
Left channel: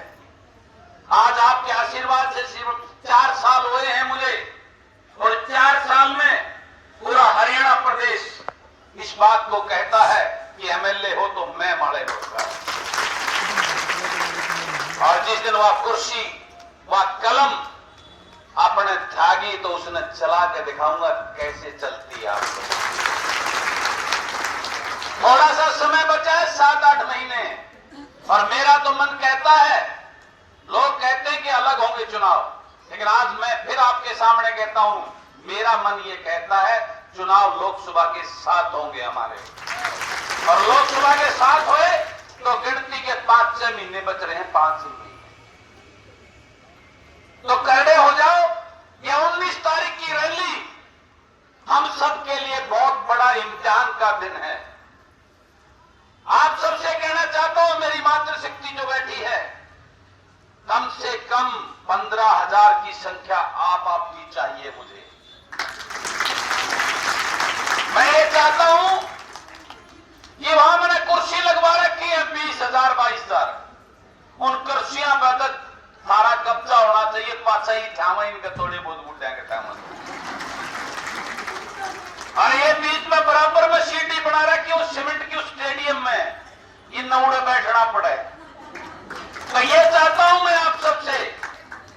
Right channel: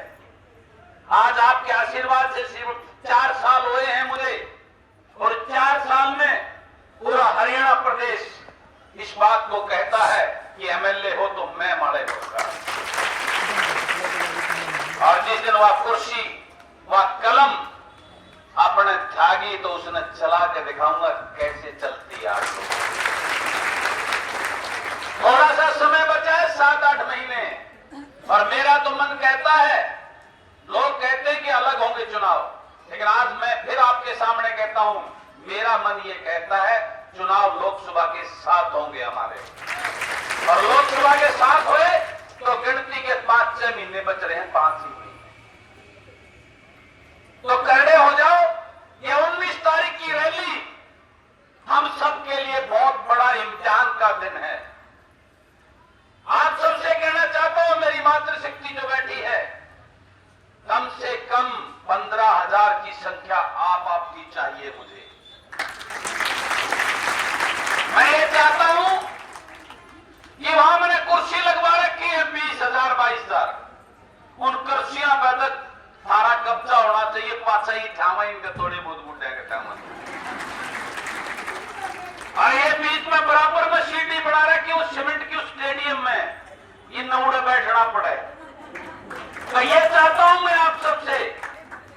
आज आपके आशीर्वाद से सिर्फ 4 साल हुए हैं मुझे, और 4 साल में पूरा हरियाणा प्रदेश इस बात को कहता है कि एमएलए हो तो मैं माले होगा। और जिस दिन वह कुर्सी, वह कलम अपने त्यागी तो उसने चला के दिखाऊंगा कैसे चलती है। थोड़ा सा समय बचा है, 7-8 महीने, और मेरा तो मन कहता है, लोग कहते हैं कि अलग होंगे चुनाव, लेकिन आज मैं फिर आपके सामने कहता हूं, मेरा मन ये कहता है चुनाव लोकसभा के साथ होंगे हमारे, और लोकसभा के साथ हुए तो गिनती के 5-6 महीने बच रहे हैं, 5 ही, तो खड़े हो जाओ। ये 19 तारीख की रैली हम सबके लिए बहुत बड़ा इम्तिहान का दिन है। आप सबसे कहना चाहता हूं, मेरी मातृशक्ति जो बैठी है, कम से कम 15,000 की संख्या आपकी चाहिए मुझे। मैं ये चाहता हूं कि वहां मैंने कुर्सी लगवा रखी है 20,000, 22,000, उन कुर्सियां पर सारा कब्जा होना चाहिए, पासा ही थामा इनके थोड़े बहुत मुद्देंगे थामा, और ये बीच में बराबर में सीटी बना रखी उस सीमेंट की उस स्टेडियम में, ये नौड़े बैठना पड़े। तो ये चाहता हूं मैं आप सबसे,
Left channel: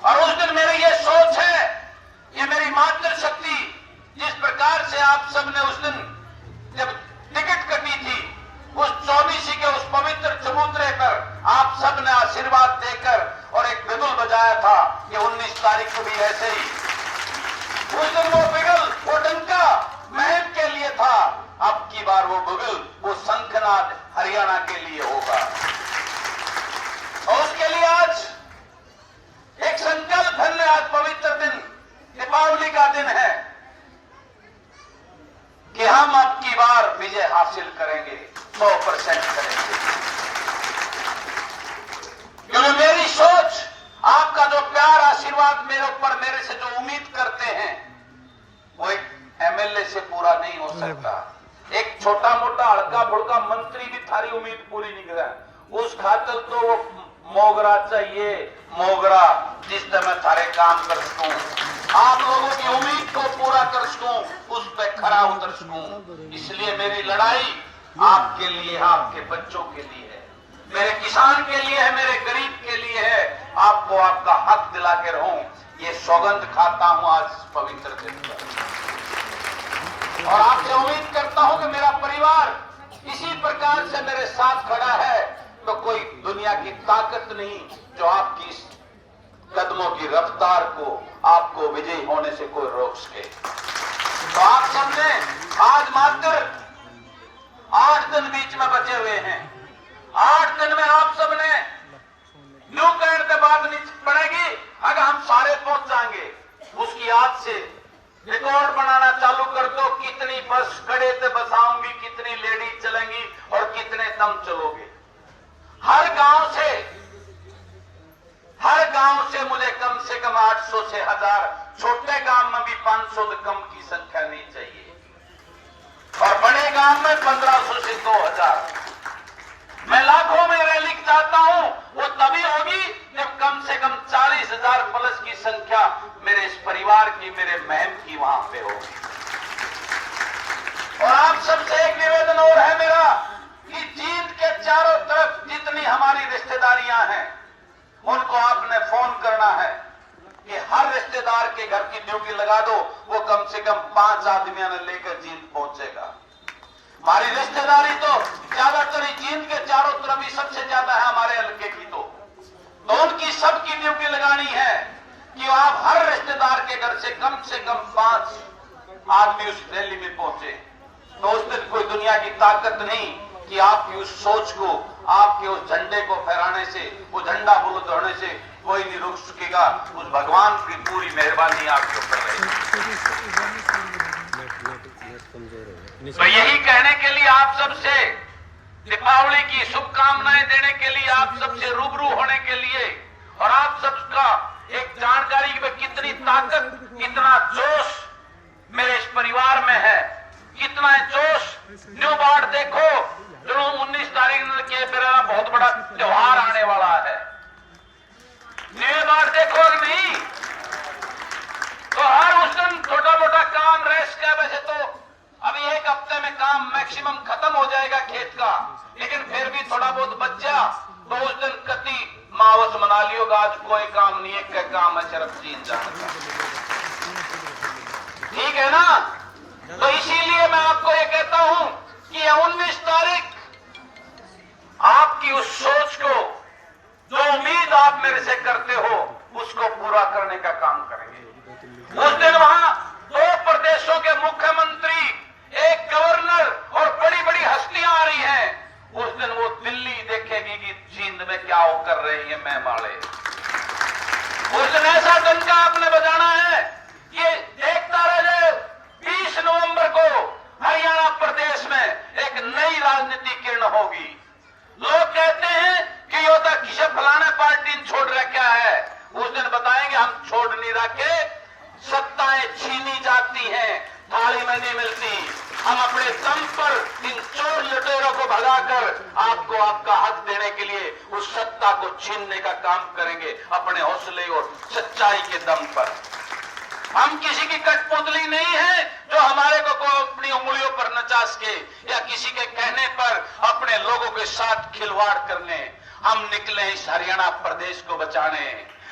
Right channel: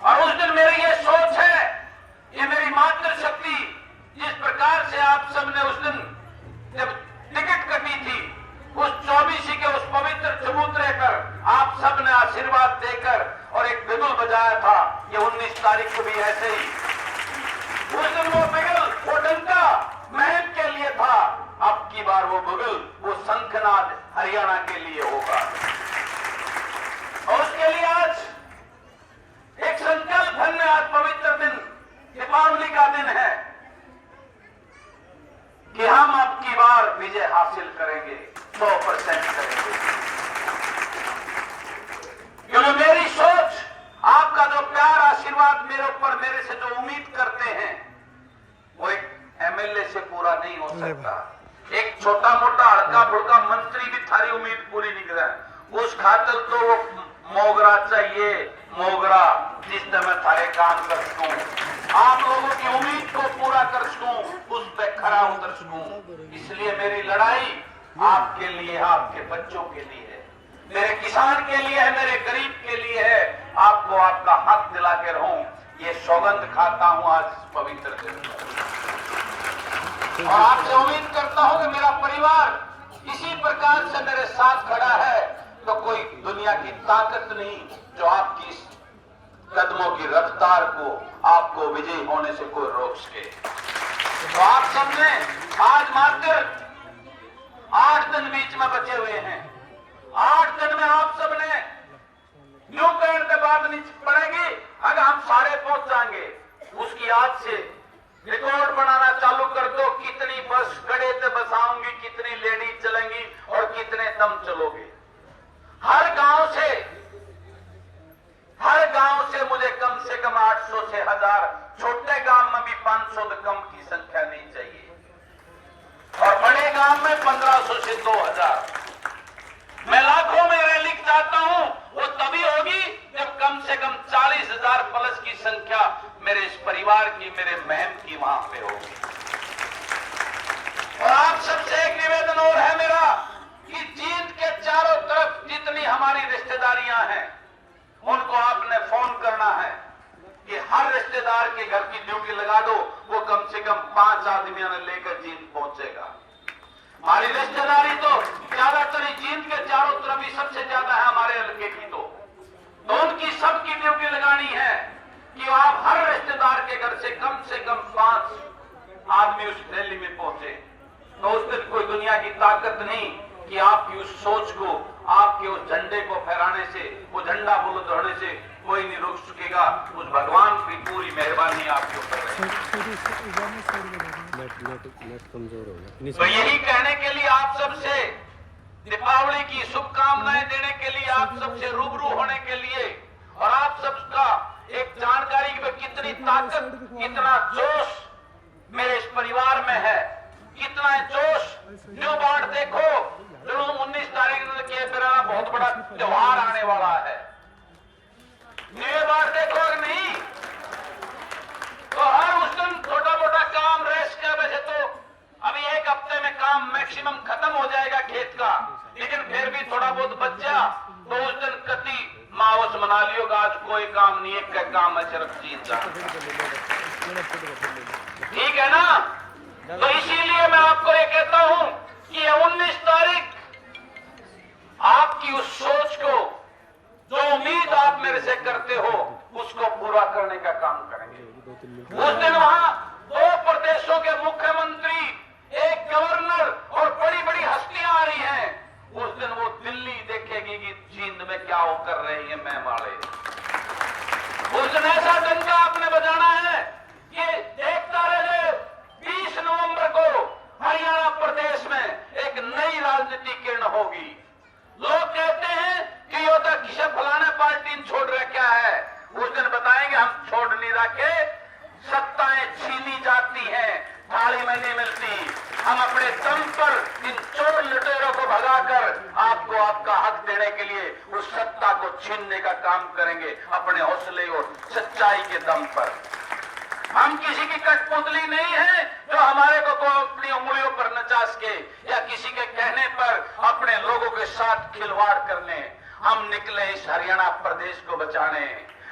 और उस दिन मेरी ये सोच है, ये मेरी मातृशक्ति, जिस प्रकार से आप सबने उस दिन जब टिकट कटी थी, सबने आशीर्वाद देकर और एक बिगुल बजाया था कि 19 तारीख को भी ऐसे ही। उस दिन वो बिगुल, वो डंका महम के लिए था, अब की बार वो बिगुल, वो शंखनाद हरियाणा के लिए होगा। और उसके लिए आज एक संकल्प है। आज पवित्र दिन दीपावली का दिन है कि हम अब की बार विजय हासिल करेंगे, 100% करेंगे। क्योंकि मेरी सोच, आपका जो प्यार आशीर्वाद मेरे ऊपर, मेरे से जो उम्मीद करते हैं, वो एक एमएलए से पूरा नहीं हो सकता। एक छोटा मोटा हड़का बुड़का मंत्री भी थारी उम्मीद पूरी नहीं करा। उस खातर तो वो मोगरा चाहिए, मोगरा, जिस तरह थारे काम कर सकूं, आप लोगों की उम्मीद को पूरा कर सकूं, उस पर खरा उतर सकूं। इसलिए मेरी लड़ाई आपके लिए, आपके बच्चों के लिए है, मेरे किसान के लिए है, मेरे गरीब के लिए है। आपको आपका हक दिला के रहूं, ये सौगंध खाता हूं आज इस पवित्र दिन पर। और आपसे उम्मीद करता हूं कि मेरा परिवार इसी प्रकार से मेरे साथ खड़ा है, तो कोई दुनिया की ताकत नहीं जो आपकी इस कदमों की रफ्तार को, आपको विजयी होने से कोई रोक सके। तो आप सबने आज मात्र 8 दिन बीच में बचे हुए हैं। 8 दिन में आप सबने यूं कहने से बात नहीं पड़ेगी। अगर हम सारे पहुंच जाएंगे, उसकी आज से रिकॉर्ड बनाना चालू कर दो। कितनी बस खड़े से बसाऊंगी, कितनी लेडीज चलेंगी और कितने तुम चलोगे। हर गांव से मुझे कम से कम 800 से 1000, छोटे गांव में भी 500 से कम की संख्या नहीं चाहिए, और बड़े गांव में 1500 से 2000। मैं लाखों में रैली चाहता हूं, वो तभी होगी जब कम से कम 40,000 प्लस की संख्या मेरे इस परिवार की, मेरे बहन की वहां पे होगी। और आप सबसे एक निवेदन और है मेरा कि जींद के चारों तरफ जितनी हमारी रिश्तेदारियां हैं, उनको आपने फोन करना है कि हर रिश्तेदार के घर की ड्यूटी लगा दो, वो कम से कम 5 आदमियों ने लेकर जींद पहुंचेगा। हमारी रिश्तेदारी तो ज्यादातर जींद के चारों तरफ ही सबसे ज्यादा है हमारे हल्के की, तो उनकी सबकी ड्यूटी लगानी है कि आप हर रिश्तेदार के घर से कम 5 आदमी उस रैली में पहुंचे। तो उस दिन कोई दुनिया की ताकत नहीं कि आपकी उस सोच को, आपके उस झंडे को फहराने से, वो झंडा बुलंद होने से कोई नहीं रोक सकेगा। उस भगवान की पूरी मेहरबानी आपके ऊपर है। तो यही कहने के लिए आप सबसे दीपावली की शुभकामनाएं देने के लिए, आप सबसे रूबरू होने के लिए, और आप सबका एक जानकारी कि कितनी ताकत, कितना जोश मेरे इस परिवार में है, कितना जोश। न्यू बाढ़ देखो, जो 19 तारीख के मेरा बहुत बड़ा त्योहार आने वाला है। न्यू बाढ़ देखो नहीं तो हर उस दिन छोटा मोटा काम रेस्ट का, वैसे तो अभी 1 हफ्ते में काम मैक्सिमम खत्म हो जाएगा खेत का, लेकिन फिर भी थोड़ा बहुत बच्चा, तो उस दिन कति मावस मना लियो। आज कोई काम नहीं है, क्या काम है, सिर्फ जीत जाओ, ठीक है ना। तो इसीलिए मैं आपको ये कहता हूं कि 19 तारीख आपकी उस सोच को, जो उम्मीद आप मेरे से करते हो, उसको पूरा करने का काम करेंगे। उस दिन वहां 2 प्रदेशों के मुख्यमंत्री, एक गवर्नर और बड़ी बड़ी हस्तियां आ रही हैं। उस दिन वो दिल्ली देखेगी कि जींद में क्या वो कर रहे हैं मैं वाले। उस दिन ऐसा डंका आपने बजाना है कि देखता रहे। 20 नवंबर को हरियाणा प्रदेश में एक नई राजनीतिक किरण होगी। लोग कहते हैं कि योद्धा किसी फलाना पार्टी छोड़ रखा है, उस दिन बताएंगे हम छोड़ नहीं रखे, सत्ताएं छीनी जाती हैं, थाली में नहीं मिलती। हम अपने दम पर इन चोर लुटेरों को भगाकर आपको आपका हक देने के लिए उस सत्ता को छीनने का काम करेंगे, अपने हौसले और सच्चाई के दम पर। हम किसी की कठपुतली नहीं है जो हमारे को अपनी उंगलियों पर नचा सके, या किसी के कहने पर अपने लोगों के साथ खिलवाड़ करने। हम निकले इस हरियाणा प्रदेश को बचाने,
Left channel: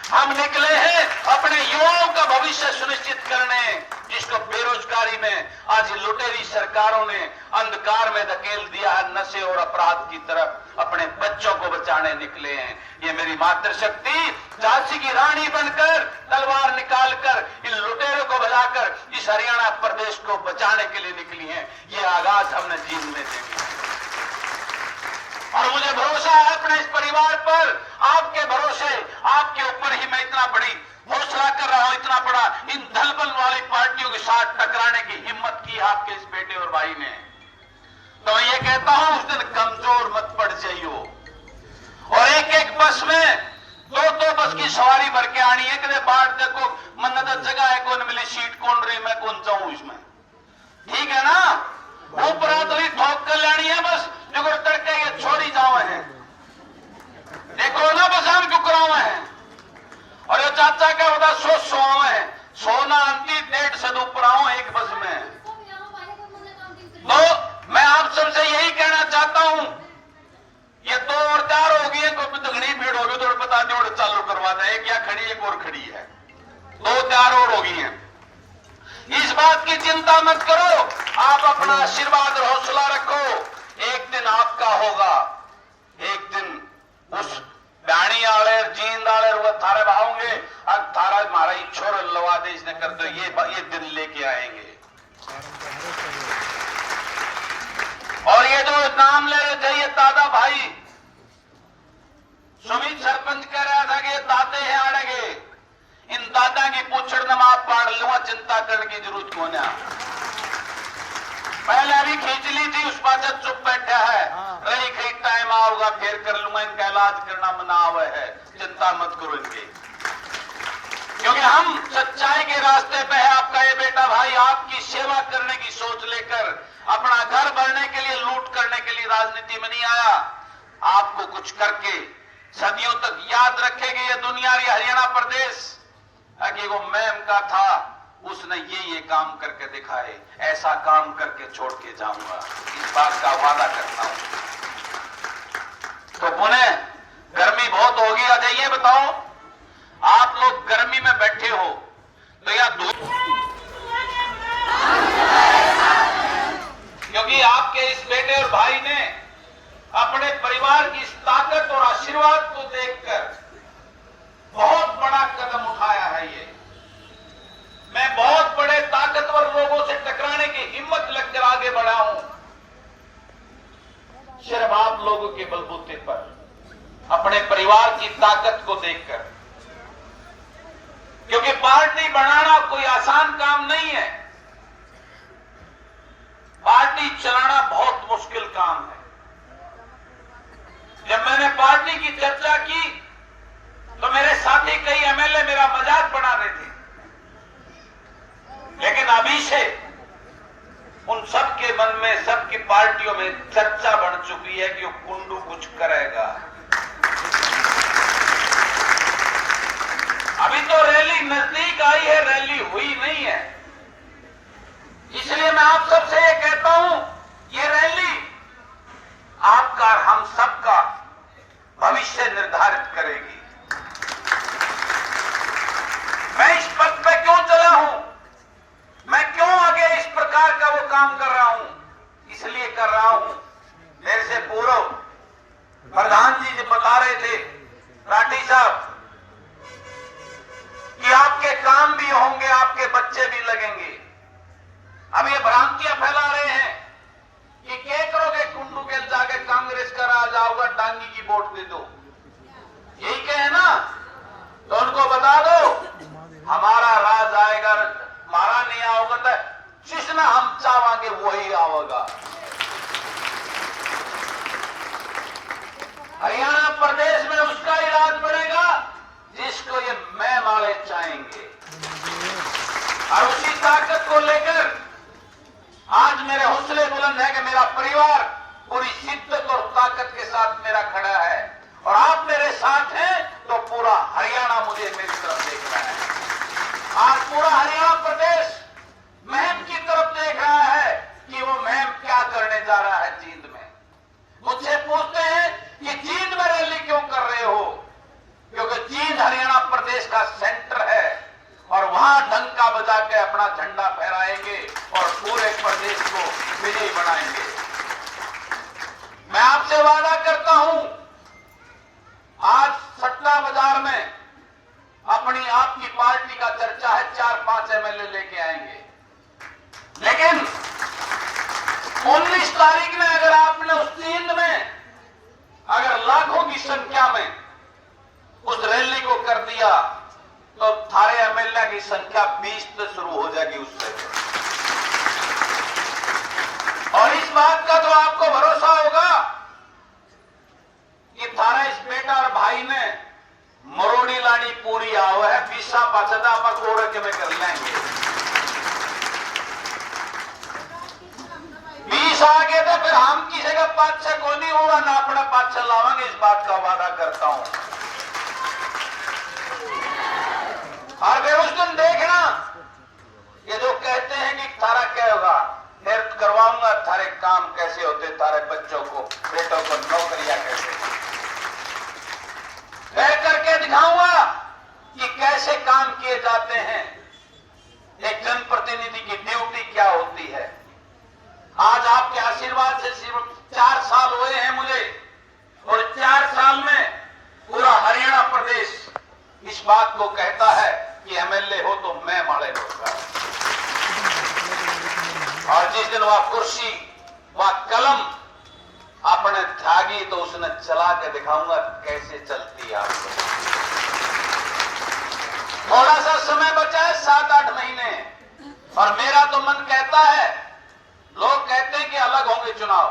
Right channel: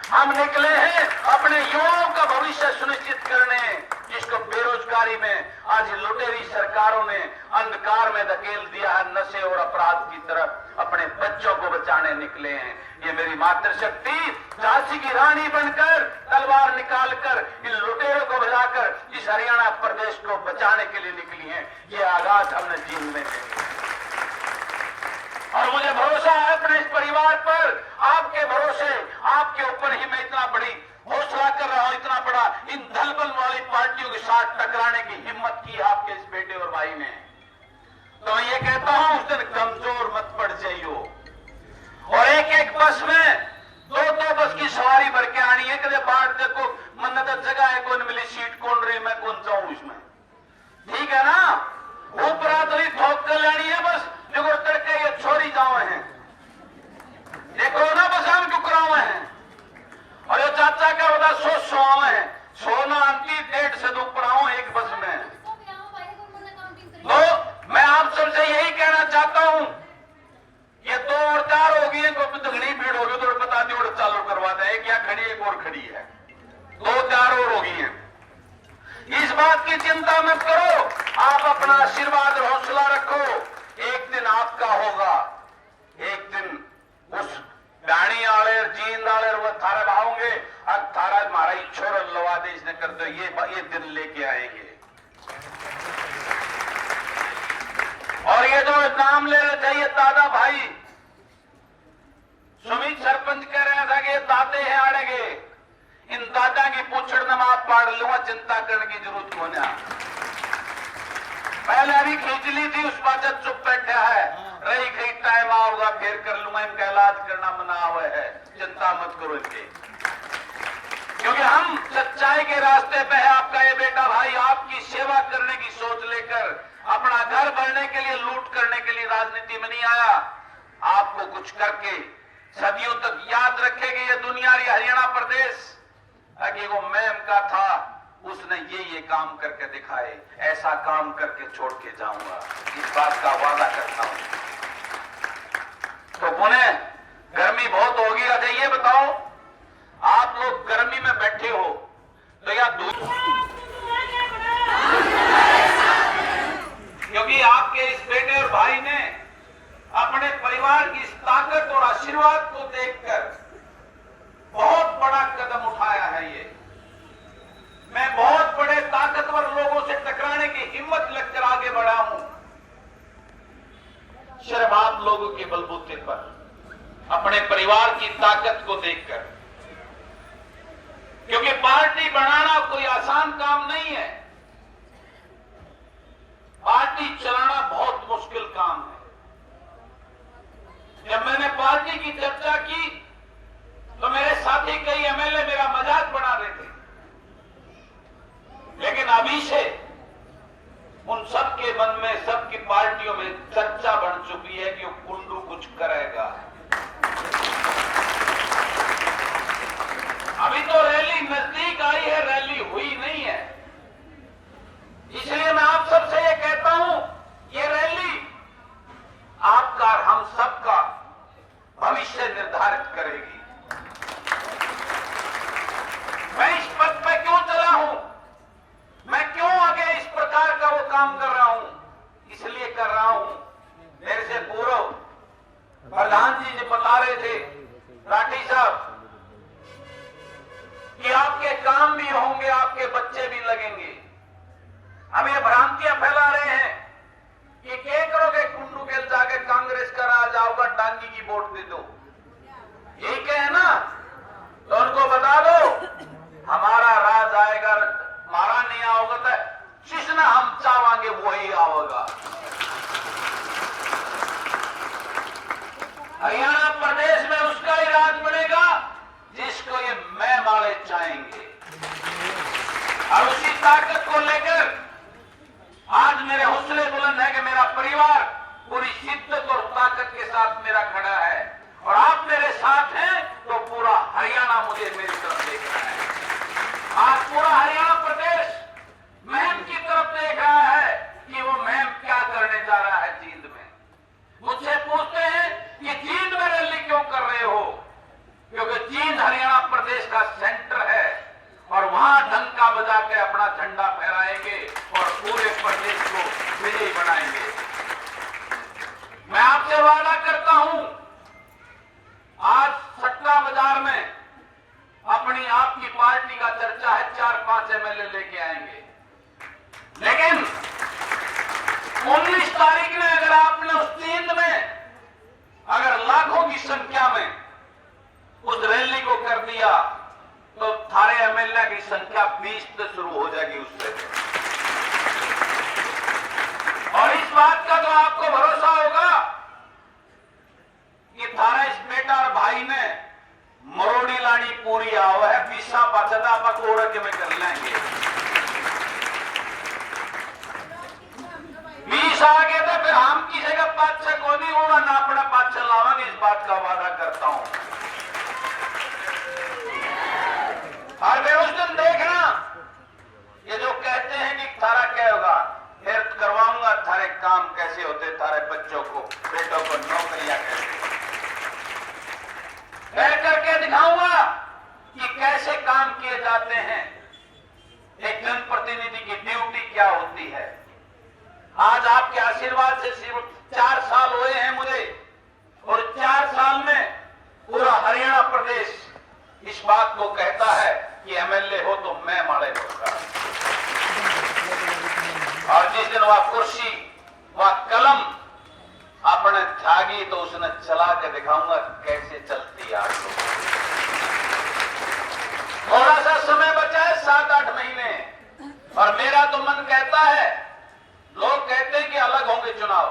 हम निकले हैं अपने युवाओं का भविष्य सुनिश्चित करने, जिसको बेरोजगारी में आज लुटेरी सरकारों ने अंधकार में धकेल दिया है, नशे और अपराध की तरफ। अपने बच्चों को बचाने निकले हैं। ये मेरी मातृशक्ति झांसी की रानी बनकर तलवार निकालकर इन लुटेरों को भगाकर इस हरियाणा प्रदेश को बचाने के लिए निकली है। ये आगाज हमने जीवन में देखा और मुझे भरोसा है अपने इस परिवार पर, आपके भरोसे, आपके ऊपर ही मैं इतना बड़ी हौसला कर रहा हूं, इतना बड़ा इन दलबल वाली पार्टियों के साथ टकराने की हिम्मत की आपके इस बेटे और भाई ने। तो मैं ये कहता हूं उस दिन कमजोर मत पड़ जाइयो। और एक एक बस में दो बस की सवारी भर के आनी है, कदे बाट देखो मन्नत जगह है, कौन मिली सीट कौन रही, मैं कौन जाऊं इसमें, ठीक है ना। ऊपर तो ठोक कर लेनी है बस, जो तड़के ये छोड़ी जाओ है, देखो ना बसान क्यों करावे हैं। और ये चाचा का बता सो है, सोना अंति 1.5 से ऊपर आओ एक बस में। तो मैं आप सबसे यही कहना चाहता हूं, ये 2 और 4 हो गई है, तो दुगनी भीड़ होगी तो बता दो चालू करवा दे, एक या खड़ी एक और खड़ी है, 2 4 और हो गई है। इस बात की चिंता मत करो, आप अपना आशीर्वाद और हौसला रखो, एक दिन आपका होगा, एक दिन उस बैणी आले जींद आले वो थारे भावोंगे, अब थारा हमारा छोर लवा दे इसने कर दो, ये दिन लेके आएंगे। और ये जो नाम ले रहे थे ये दादा भाई, सुमित सरपंच कह रहा था कि दादे हैं आड़ेगे, इन दादा की पूछड़ न आप पाड़ लूंगा, चिंता करने की जरूरत को ना। पहले अभी खींच ली थी, उस पर चुप बैठा है, रही खरीद टाइम आओगा फिर कर लूंगा, इनका इलाज करना मना हुआ है, चिंता मत करो इनकी, क्योंकि हम सच्चाई के रास्ते पे है। आपका ये बेटा भाई आपकी सेवा करने की सोच लेकर अपना घर बढ़ने के लिए, लूट करने के लिए राजनीति में नहीं आया, आपको कुछ करके सदियों तक याद रखेगी ये दुनिया, ये हरियाणा प्रदेश कि वो मैम का था, उसने ये काम करके दिखाए, ऐसा काम करके छोड़ के जाऊंगा, इस बात का वादा करता हूं। तो पुणे गर्मी बहुत होगी, अच्छा ये बताओ आप लोग गर्मी में बैठे हो तो या दूर, क्योंकि आपके इस बेटे और भाई ने अपने परिवार की इस ताकत और आशीर्वाद को देखकर बहुत बड़ा कदम उठाया है। ये मैं बहुत बड़े ताकतवर लोगों से टकराने की हिम्मत लेकर आगे बढ़ा हूं, सिर्फ आप लोगों के बलबूते पर, अपने परिवार की ताकत को देखकर, क्योंकि पार्टी बनाना कोई आसान काम नहीं है, पार्टी चलाना बहुत मुश्किल काम है। जब मैंने पार्टी की चर्चा की तो मेरे साथी कई एमएलए मेरा मजाक बना रहे थे, लेकिन अभी से उन सबके मन में, सबकी पार्टियों में चर्चा बढ़ चुकी है कि वो कुंडू कुछ करेगा। अभी तो रैली नजदीक आई है, रैली हुई नहीं है, इसलिए मैं आप सबसे ये कहता हूं, ये रैली आपका, हम सबका भविष्य निर्धारित करेगी। मैं इस पद पे क्यों चला हूं, मैं क्यों आगे इस प्रकार का वो काम कर रहा हूं, इसलिए कर रहा हूं, मेरे से पूर्व प्रधान जी जो बता रहे थे राठी साहब कि आपके काम भी होंगे, आपके बच्चे भी लगेंगे। अब ये भ्रांतियां फैला रहे हैं कि क्या करोगे, कुंडू के जाके कांग्रेस का राज आओगा, टांगी की वोट दे दो, यही कहे ना, तो उनको बता दो हमारा राज आएगा, हमारा नहीं आओगा तो जिसना हम चाहेंगे वही आओगा। हरियाणा प्रदेश में उसका ही राज बनेगा जिसको ये मैं माले चाहेंगे, और उसी ताकत को लेकर आज मेरे हौसले बुलंद है कि मेरा परिवार पूरी शिद्दत और ताकत के साथ मेरा खड़ा है, और आप मेरे साथ हैं तो पूरा हरियाणा मुझे मेरी तरफ देख रहा है। आज पूरा हरियाणा प्रदेश मुहिम की तरफ देख रहा है कि वो मुहिम क्या करने जा रहा है जींद में। मुझसे पूछते हैं कि जींद में रैली क्यों कर रहे हो, क्योंकि जींद हरियाणा प्रदेश का सेंटर है, और वहां डंका बजा के अपना झंडा फहराएंगे और पूरे प्रदेश को विजयी बनाएंगे। मैं आपसे वादा करता हूं, आज सट्टा बाजार में अपनी आपकी पार्टी का चर्चा है, 4-5 एमएलए लेके आएंगे, लेकिन 19 तारीख में अगर आपने उस नींद में अगर लाखों की संख्या में उस रैली को कर दिया तो थारे एमएलए की संख्या 20 से शुरू हो जाएगी उससे। और इस बात का तो आपको भरोसा होगा कि थारा इस बेटा और भाई ने मरोड़ी लानी पूरी आओ है, 20 पाचदा आप कोड़क में कर लेंगे। 20 आगे तो फिर हम किसी का पाछा को नहीं होगा ना, अपना पाछा लावांगे, इस बात का वादा करता हूं। और वे उस दिन देखना, ये जो कहते हैं कि थारा क्या होगा, फिर करवाऊंगा थारे काम कैसे होते, थारे बच्चों को बेटों को नौकरियां कैसे कह करके दिखाऊंगा कि कैसे काम किए जाते हैं, एक जनप्रतिनिधि की ड्यूटी क्या होती है। आज आपके आशीर्वाद से सिर्फ 4 साल हुए हैं मुझे, और 4 साल में पूरा हरियाणा प्रदेश इस बात को कहता है कि एमएलए हो तो मैं माड़े होगा। और जिस दिन वह कुर्सी वह कलम अपने त्यागी तो उसने चला के दिखाऊंगा कैसे चलती है। थोड़ा सा समय बचा है, 7-8 महीने, और मेरा तो मन कहता है, लोग कहते हैं कि अलग होंगे चुनाव,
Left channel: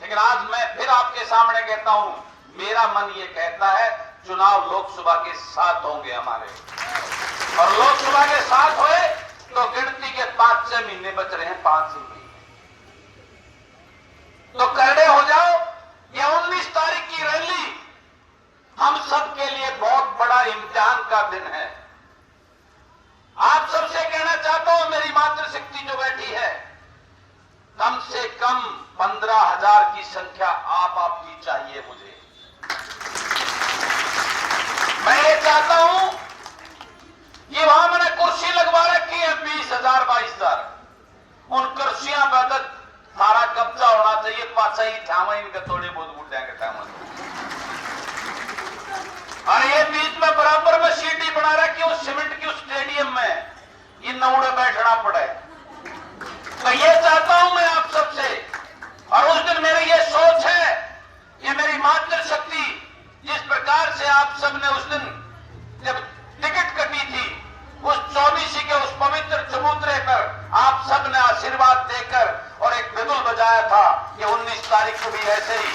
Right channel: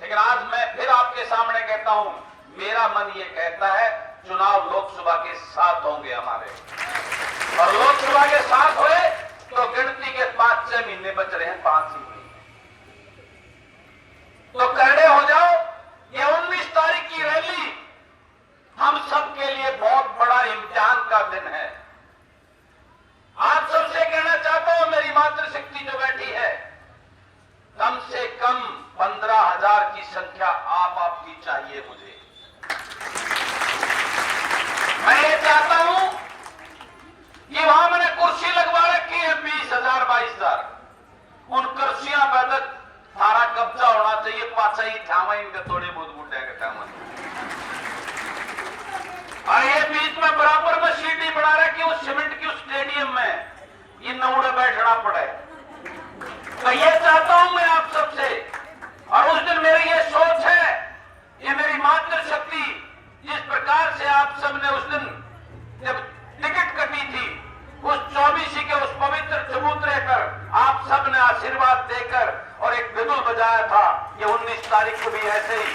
लेकिन आज मैं फिर आपके सामने कहता हूं, मेरा मन ये कहता है चुनाव लोकसभा के साथ होंगे हमारे, और लोकसभा के साथ हुए तो गिनती के 5-6 महीने बच रहे हैं, 5 ही, तो खड़े हो जाओ। ये 19 तारीख की रैली हम सबके लिए बहुत बड़ा इम्तिहान का दिन है। आप सबसे कहना चाहता हूं, मेरी मातृशक्ति जो बैठी है, कम से कम 15,000 की संख्या आपकी चाहिए मुझे। मैं ये चाहता हूं कि वहां मैंने कुर्सी लगवा रखी है 20,000 22,000, उन कुर्सियां पर सारा कब्जा होना चाहिए, पाचा ही थामा इनका थोड़े बहुत उठाएंगे थामा, और ये बीच में बराबर में सीटी बना रखी उस सीमेंट की उस स्टेडियम में, ये नौड़े बैठना पड़े। तो ये चाहता हूं मैं आप सबसे, और उस दिन मेरी ये सोच है, ये मेरी मातृशक्ति, जिस प्रकार से आप सबने उस दिन जब टिकट कटी थी, उस 24 के उस पवित्र चबूतरे पर आप सबने आशीर्वाद देकर और एक बिगुल बजाया था, ये 19 तारीख को भी ऐसे ही,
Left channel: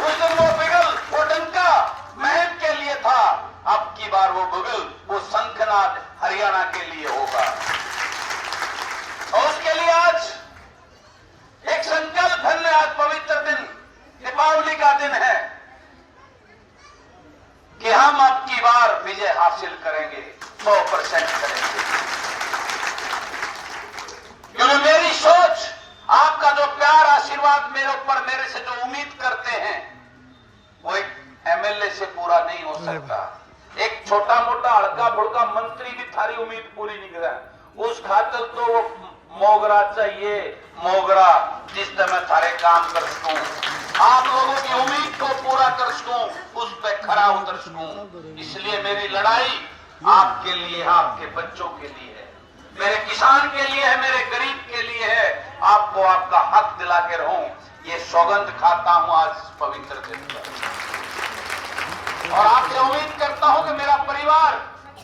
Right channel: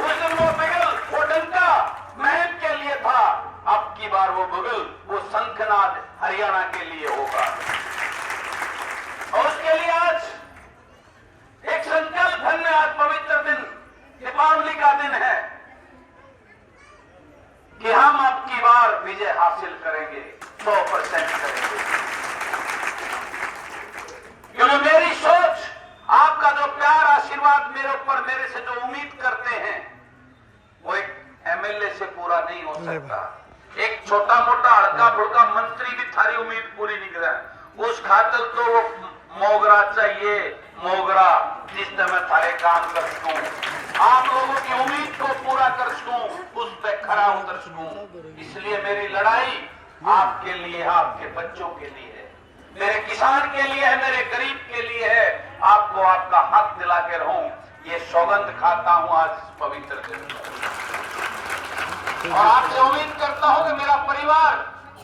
उस दिन वो बिगुल, वो डंका महल के लिए था, अब की बार वो बिगुल, वो शंखनाद हरियाणा के लिए होगा। और उसके लिए आज एक संकल्प है, आज पवित्र दिन, दीपावली का दिन है, कि हम अब की बार विजय हासिल करेंगे, 100% करेंगे, क्योंकि मेरी सोच, आपका जो प्यार आशीर्वाद मेरे ऊपर, मेरे से जो उम्मीद करते हैं, वो एक एमएलए से पूरा नहीं हो सकता। एक छोटा मोटा हल्का फुल्का मंत्री भी थारी उम्मीद पूरी नहीं करा, उस खातिर तो वो मोगरा चाहिए, मोगरा, जिस तरह थारे काम कर सकूं, आप लोगों की उम्मीद को पूरा कर सकूं, उस पर खरा उतर सकूं। इसलिए मेरी लड़ाई आपके लिए, आपके बच्चों के लिए है, मेरे किसान के लिए है, मेरे गरीब के लिए है, आपको आपका हक दिला के रहूं, ये सौगंध खाता हूं आज इस पवित्र दिन में। और आपसे उम्मीद करता हूं कि मेरा परिवार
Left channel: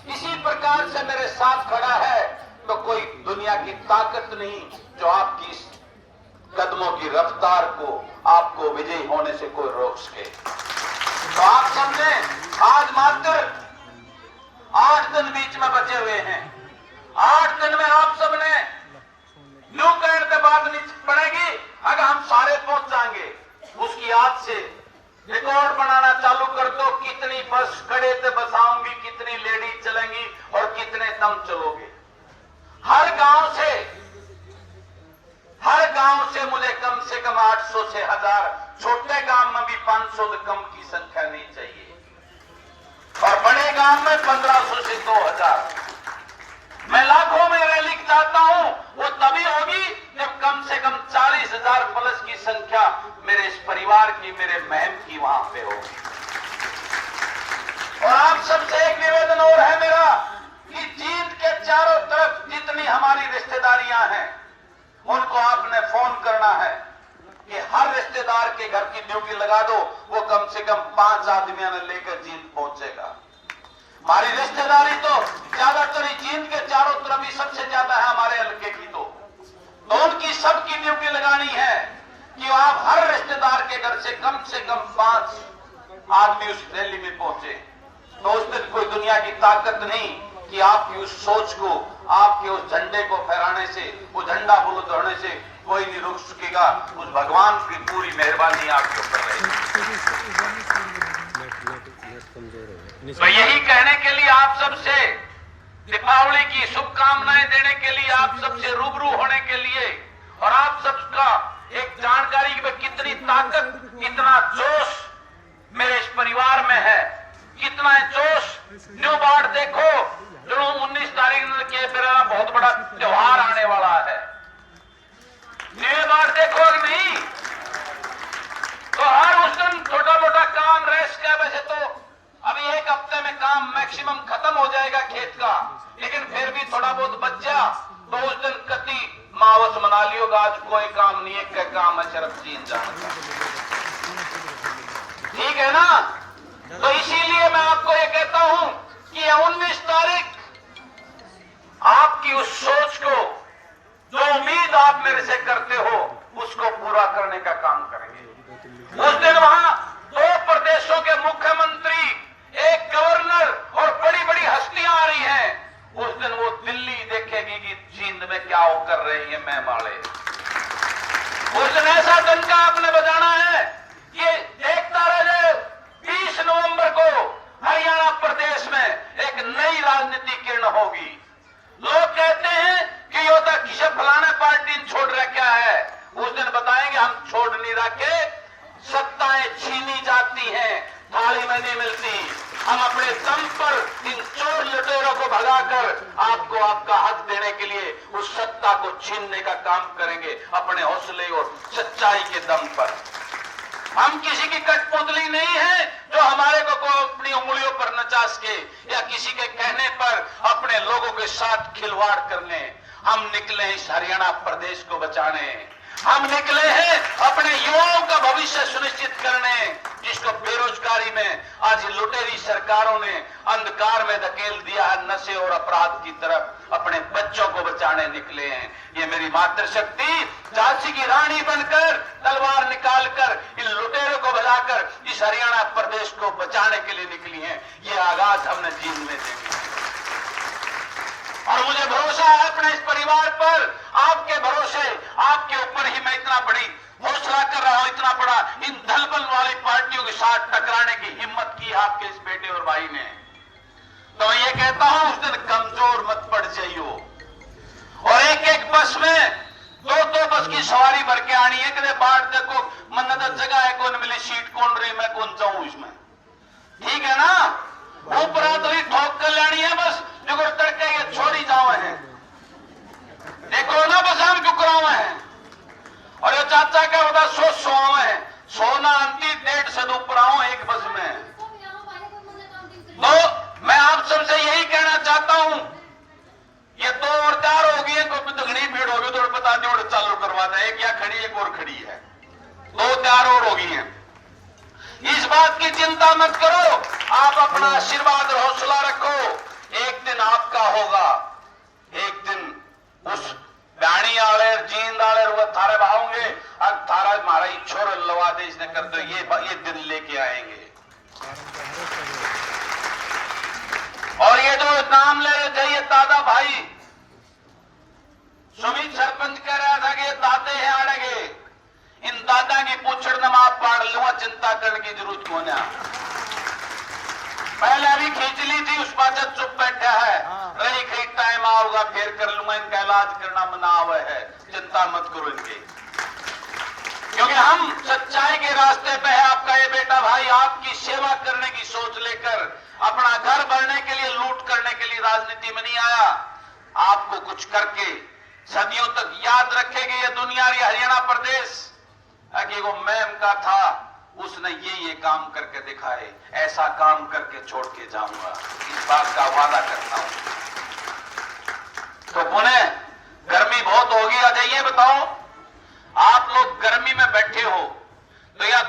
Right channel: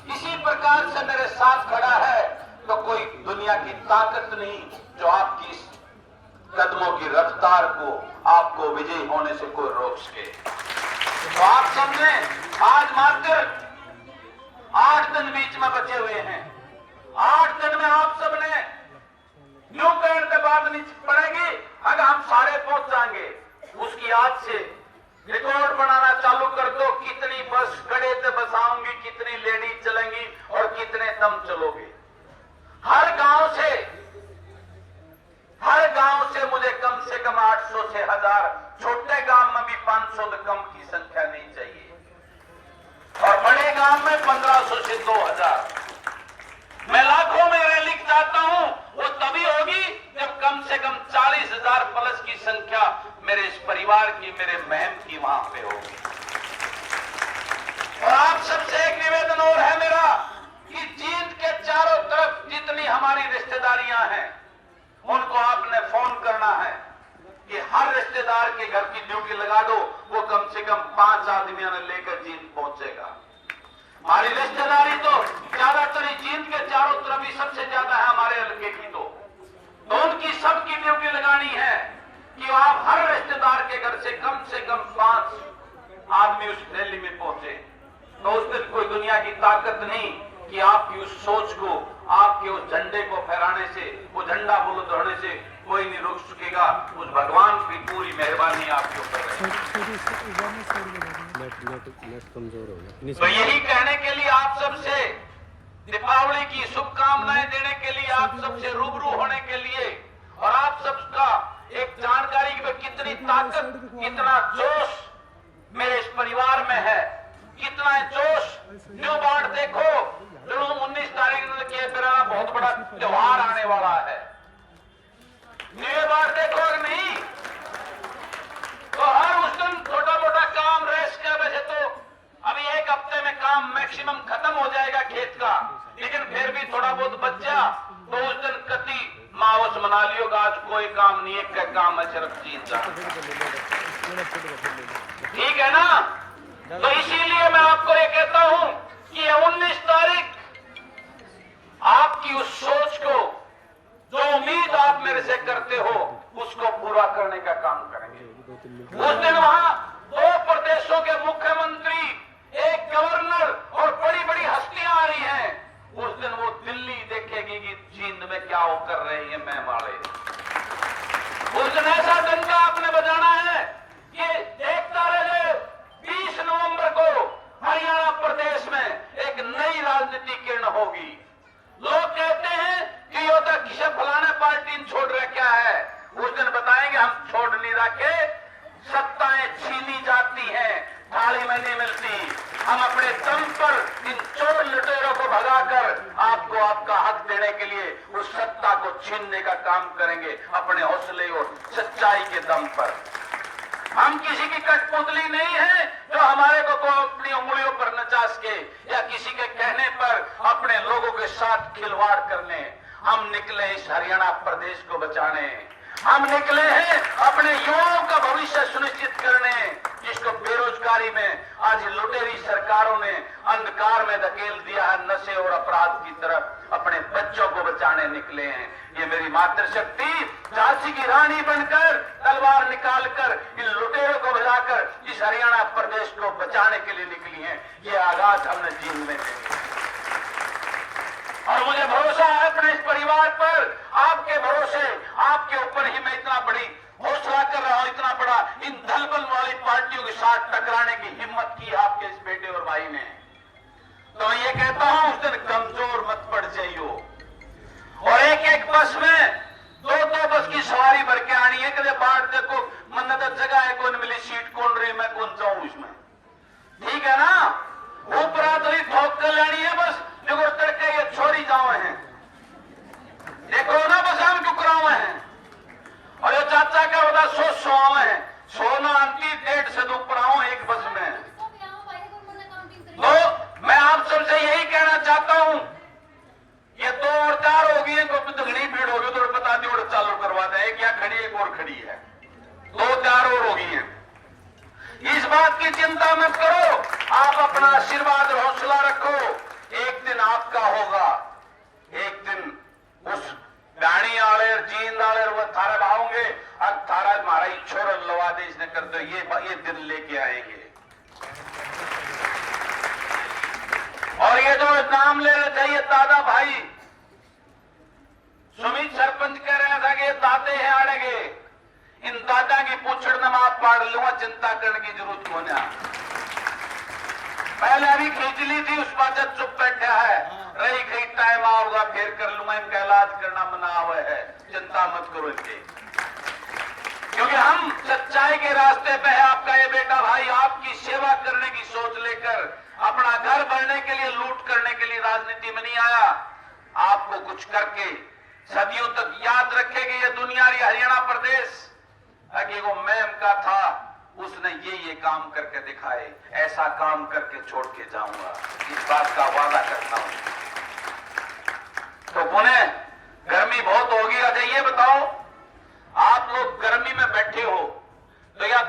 इसी प्रकार से मेरे साथ खड़ा है, तो कोई दुनिया की ताकत नहीं जो आपकी इस कदमों की रफ्तार को, आपको विजयी होने से कोई रोक सके। तो आप सबने आज मात्र 8 दिन बीच में बचे हुए हैं, 8 दिन में आप सबने यूं कहने के बाद नहीं पड़ेगी, अगर हम सारे पहुंच जाएंगे, उसकी आज से रिकॉर्ड बनाना चालू कर दो, कितनी बस खड़े से बसाऊंगी, कितनी लेडीज चलेंगी और कितने तुम चलोगे। हर गांव से मुझे कम से कम 800 से 1000, छोटे गांव में भी 500 से कम की संख्या नहीं चाहिए, और बड़े गांव में 1500 से 2000। मैं लाखों में रैली चाहता हूं, वो तभी होगी जब कम से कम 40,000 प्लस की संख्या मेरे इस परिवार की, मेरे बहन की वहां पे होगी। और आप सबसे एक निवेदन और है मेरा कि जींद के चारों तरफ जितनी हमारी रिश्तेदारियां हैं उनको आपने फोन करना है कि हर रिश्तेदार के घर की ड्यूटी लगा दो, वो कम से कम 5 आदमियों ने लेकर जींद पहुंचेगा। हमारी रिश्तेदारी तो ज्यादातर जींद के चारों तरफ ही सबसे ज्यादा है हमारे हल्के की, तो उनकी सबकी ड्यूटी लगानी है कि आप हर रिश्तेदार के घर से कम 5 आदमी उस रैली में पहुंचे। तो उस दिन कोई दुनिया की ताकत नहीं कि आपकी उस सोच को, आपके उस झंडे को फहराने से, वो झंडा बुलंद होने से कोई नहीं रोक सकेगा। उस भगवान की पूरी मेहरबानी आपके ऊपर है। तो यही कहने के लिए आप सबसे दीपावली की शुभकामनाएं देने के लिए, आप सबसे रूबरू होने के लिए, और आप सबका एक जानकारी की कितनी ताकत, कितना जोश मेरे इस परिवार में है, कितना जोश। न्यू बाढ़ देखो, जो 19 तारीख के मेरा बहुत बड़ा त्योहार आने वाला है, न्यू बाढ़ देखो नहीं तो हर उस दिन छोटा मोटा काम रेस के वजह तो अभी 1 हफ्ते में काम मैक्सिमम खत्म हो जाएगा खेत का, लेकिन फिर भी थोड़ा बहुत बच्चा तो उस दिन कति मावस मना लियोगा। आज कोई काम नहीं, एक का काम है सिर्फ जींद जाना, ठीक है ना। तो इसीलिए मैं आपको ये कहता हूं कि 19 तारीख आपकी उस सोच को, जो उम्मीद आप मेरे से करते हो, उसको पूरा करने का काम करेंगे। उस दिन वहां 2 प्रदेशों के मुख्यमंत्री, एक गवर्नर और बड़ी बड़ी हस्तियां आ रही हैं। उस दिन वो दिल्ली देखेगी कि जींद में क्या वो कर रही है मैं वाले। उस दिन ऐसा डंका आपने बजाना है कि देखता रहे 20 नवंबर को हरियाणा प्रदेश में एक नई राजनीति किरण होगी। लोग कहते हैं कि ये तो किसी फलाने पार्टी छोड़ रखा है, उस दिन बताएंगे हम छोड़ नहीं रखे, सत्ताएं छीनी जाती हैं, थाली में नहीं मिलती। हम अपने दम पर इन चोर लुटेरों को भगाकर आपको आपका हक देने के लिए उस सत्ता को छीनने का काम करेंगे, अपने हौसले और सच्चाई के दम पर। हम किसी की कठपुतली नहीं है जो हमारे को अपनी उंगलियों पर नचा सके या किसी के कहने पर अपने लोगों के साथ खिलवाड़ करने। हम निकले इस हरियाणा प्रदेश को बचाने, हम निकले हैं अपने युवाओं का भविष्य सुनिश्चित करने, जिसको बेरोजगारी में आज लुटेरी सरकारों ने अंधकार में धकेल दिया है, नशे और अपराध की तरफ अपने बच्चों को बचाने निकले हैं। ये मेरी मातृशक्ति झांसी की रानी बनकर तलवार निकालकर इन लुटेरों को भगाकर इस हरियाणा प्रदेश को बचाने के लिए निकली है। ये आगाज हमने जींद में देखी है और मुझे भरोसा है अपने इस परिवार पर, आपके भरोसे, आपके ऊपर ही मैं इतना बड़ी हौसला कर रहा हूं, इतना बड़ा इन दलबल वाली पार्टियों के साथ टकराने की हिम्मत की आपके इस बेटे और भाई ने। तो ये कहता हूं उस दिन कमजोर मत पड़ जाइयो। और एक बस में 2 बस की सवारी भर के आनी है, कदे बाढ़ देखो मन्नत जगह है, कौन मिली सीट कौन रही, मैं कौन जाऊं इसमें, ठीक है ना। ऊपर तो ठोक कर लानी है बस, जो तड़के ये छोड़ी जाओ है, देखो ना बस हम चुकराव है। और जो चाचा का बता 100 है, सोना अंती 1.5 से ऊपर एक बस में। तो मैं आप सबसे यही कहना चाहता हूं, ये 2 और 4 होगी है, तो घनी भीड़ होगी, तो बता दो चालू करवा दे, एक या खड़ी एक और खड़ी है, 2-4 और होगी है। इस बात की चिंता मत करो, आप अपना आशीर्वाद और हौसला रखो, एक दिन आपका होगा, एक दिन उस गाड़ी आले जींद आले वो थारे भावोंगे, अब थारा हमारा छोर लवा दे इसने कर दो, ये दिन लेके आएंगे। और ये जो नाम ले रहे थे ये दादा भाई सुमित सरपंच कह रहा था कि ये दादे हैं आड़ेगे, इन दादा की पूछड़ न आप पाड़ लूंगा, चिंता करने की जरूरत को ना। पहले अभी खींच ली थी, उस बात चुप बैठा है, रही कहीं टाइम आओगा फिर कर लूंगा, इनका इलाज करना मना हुआ है, चिंता मत करो इनकी, क्योंकि हम सच्चाई के रास्ते पे है। आपका ये बेटा भाई आपकी सेवा करने की सोच लेकर अपना घर बढ़ने के लिए, लूट करने के लिए राजनीति में नहीं आया, आपको कुछ करके सदियों तक याद रखेगी ये दुनिया, ये हरियाणा प्रदेश, कि वो मैम का था, उसने ये काम करके दिखाए, ऐसा काम करके छोड़ के जाऊंगा, इस बात का वादा करता हूं। तो पुणे गर्मी बहुत होगी। अच्छा ये बताओ, आप लोग गर्मी में बैठे हो तो या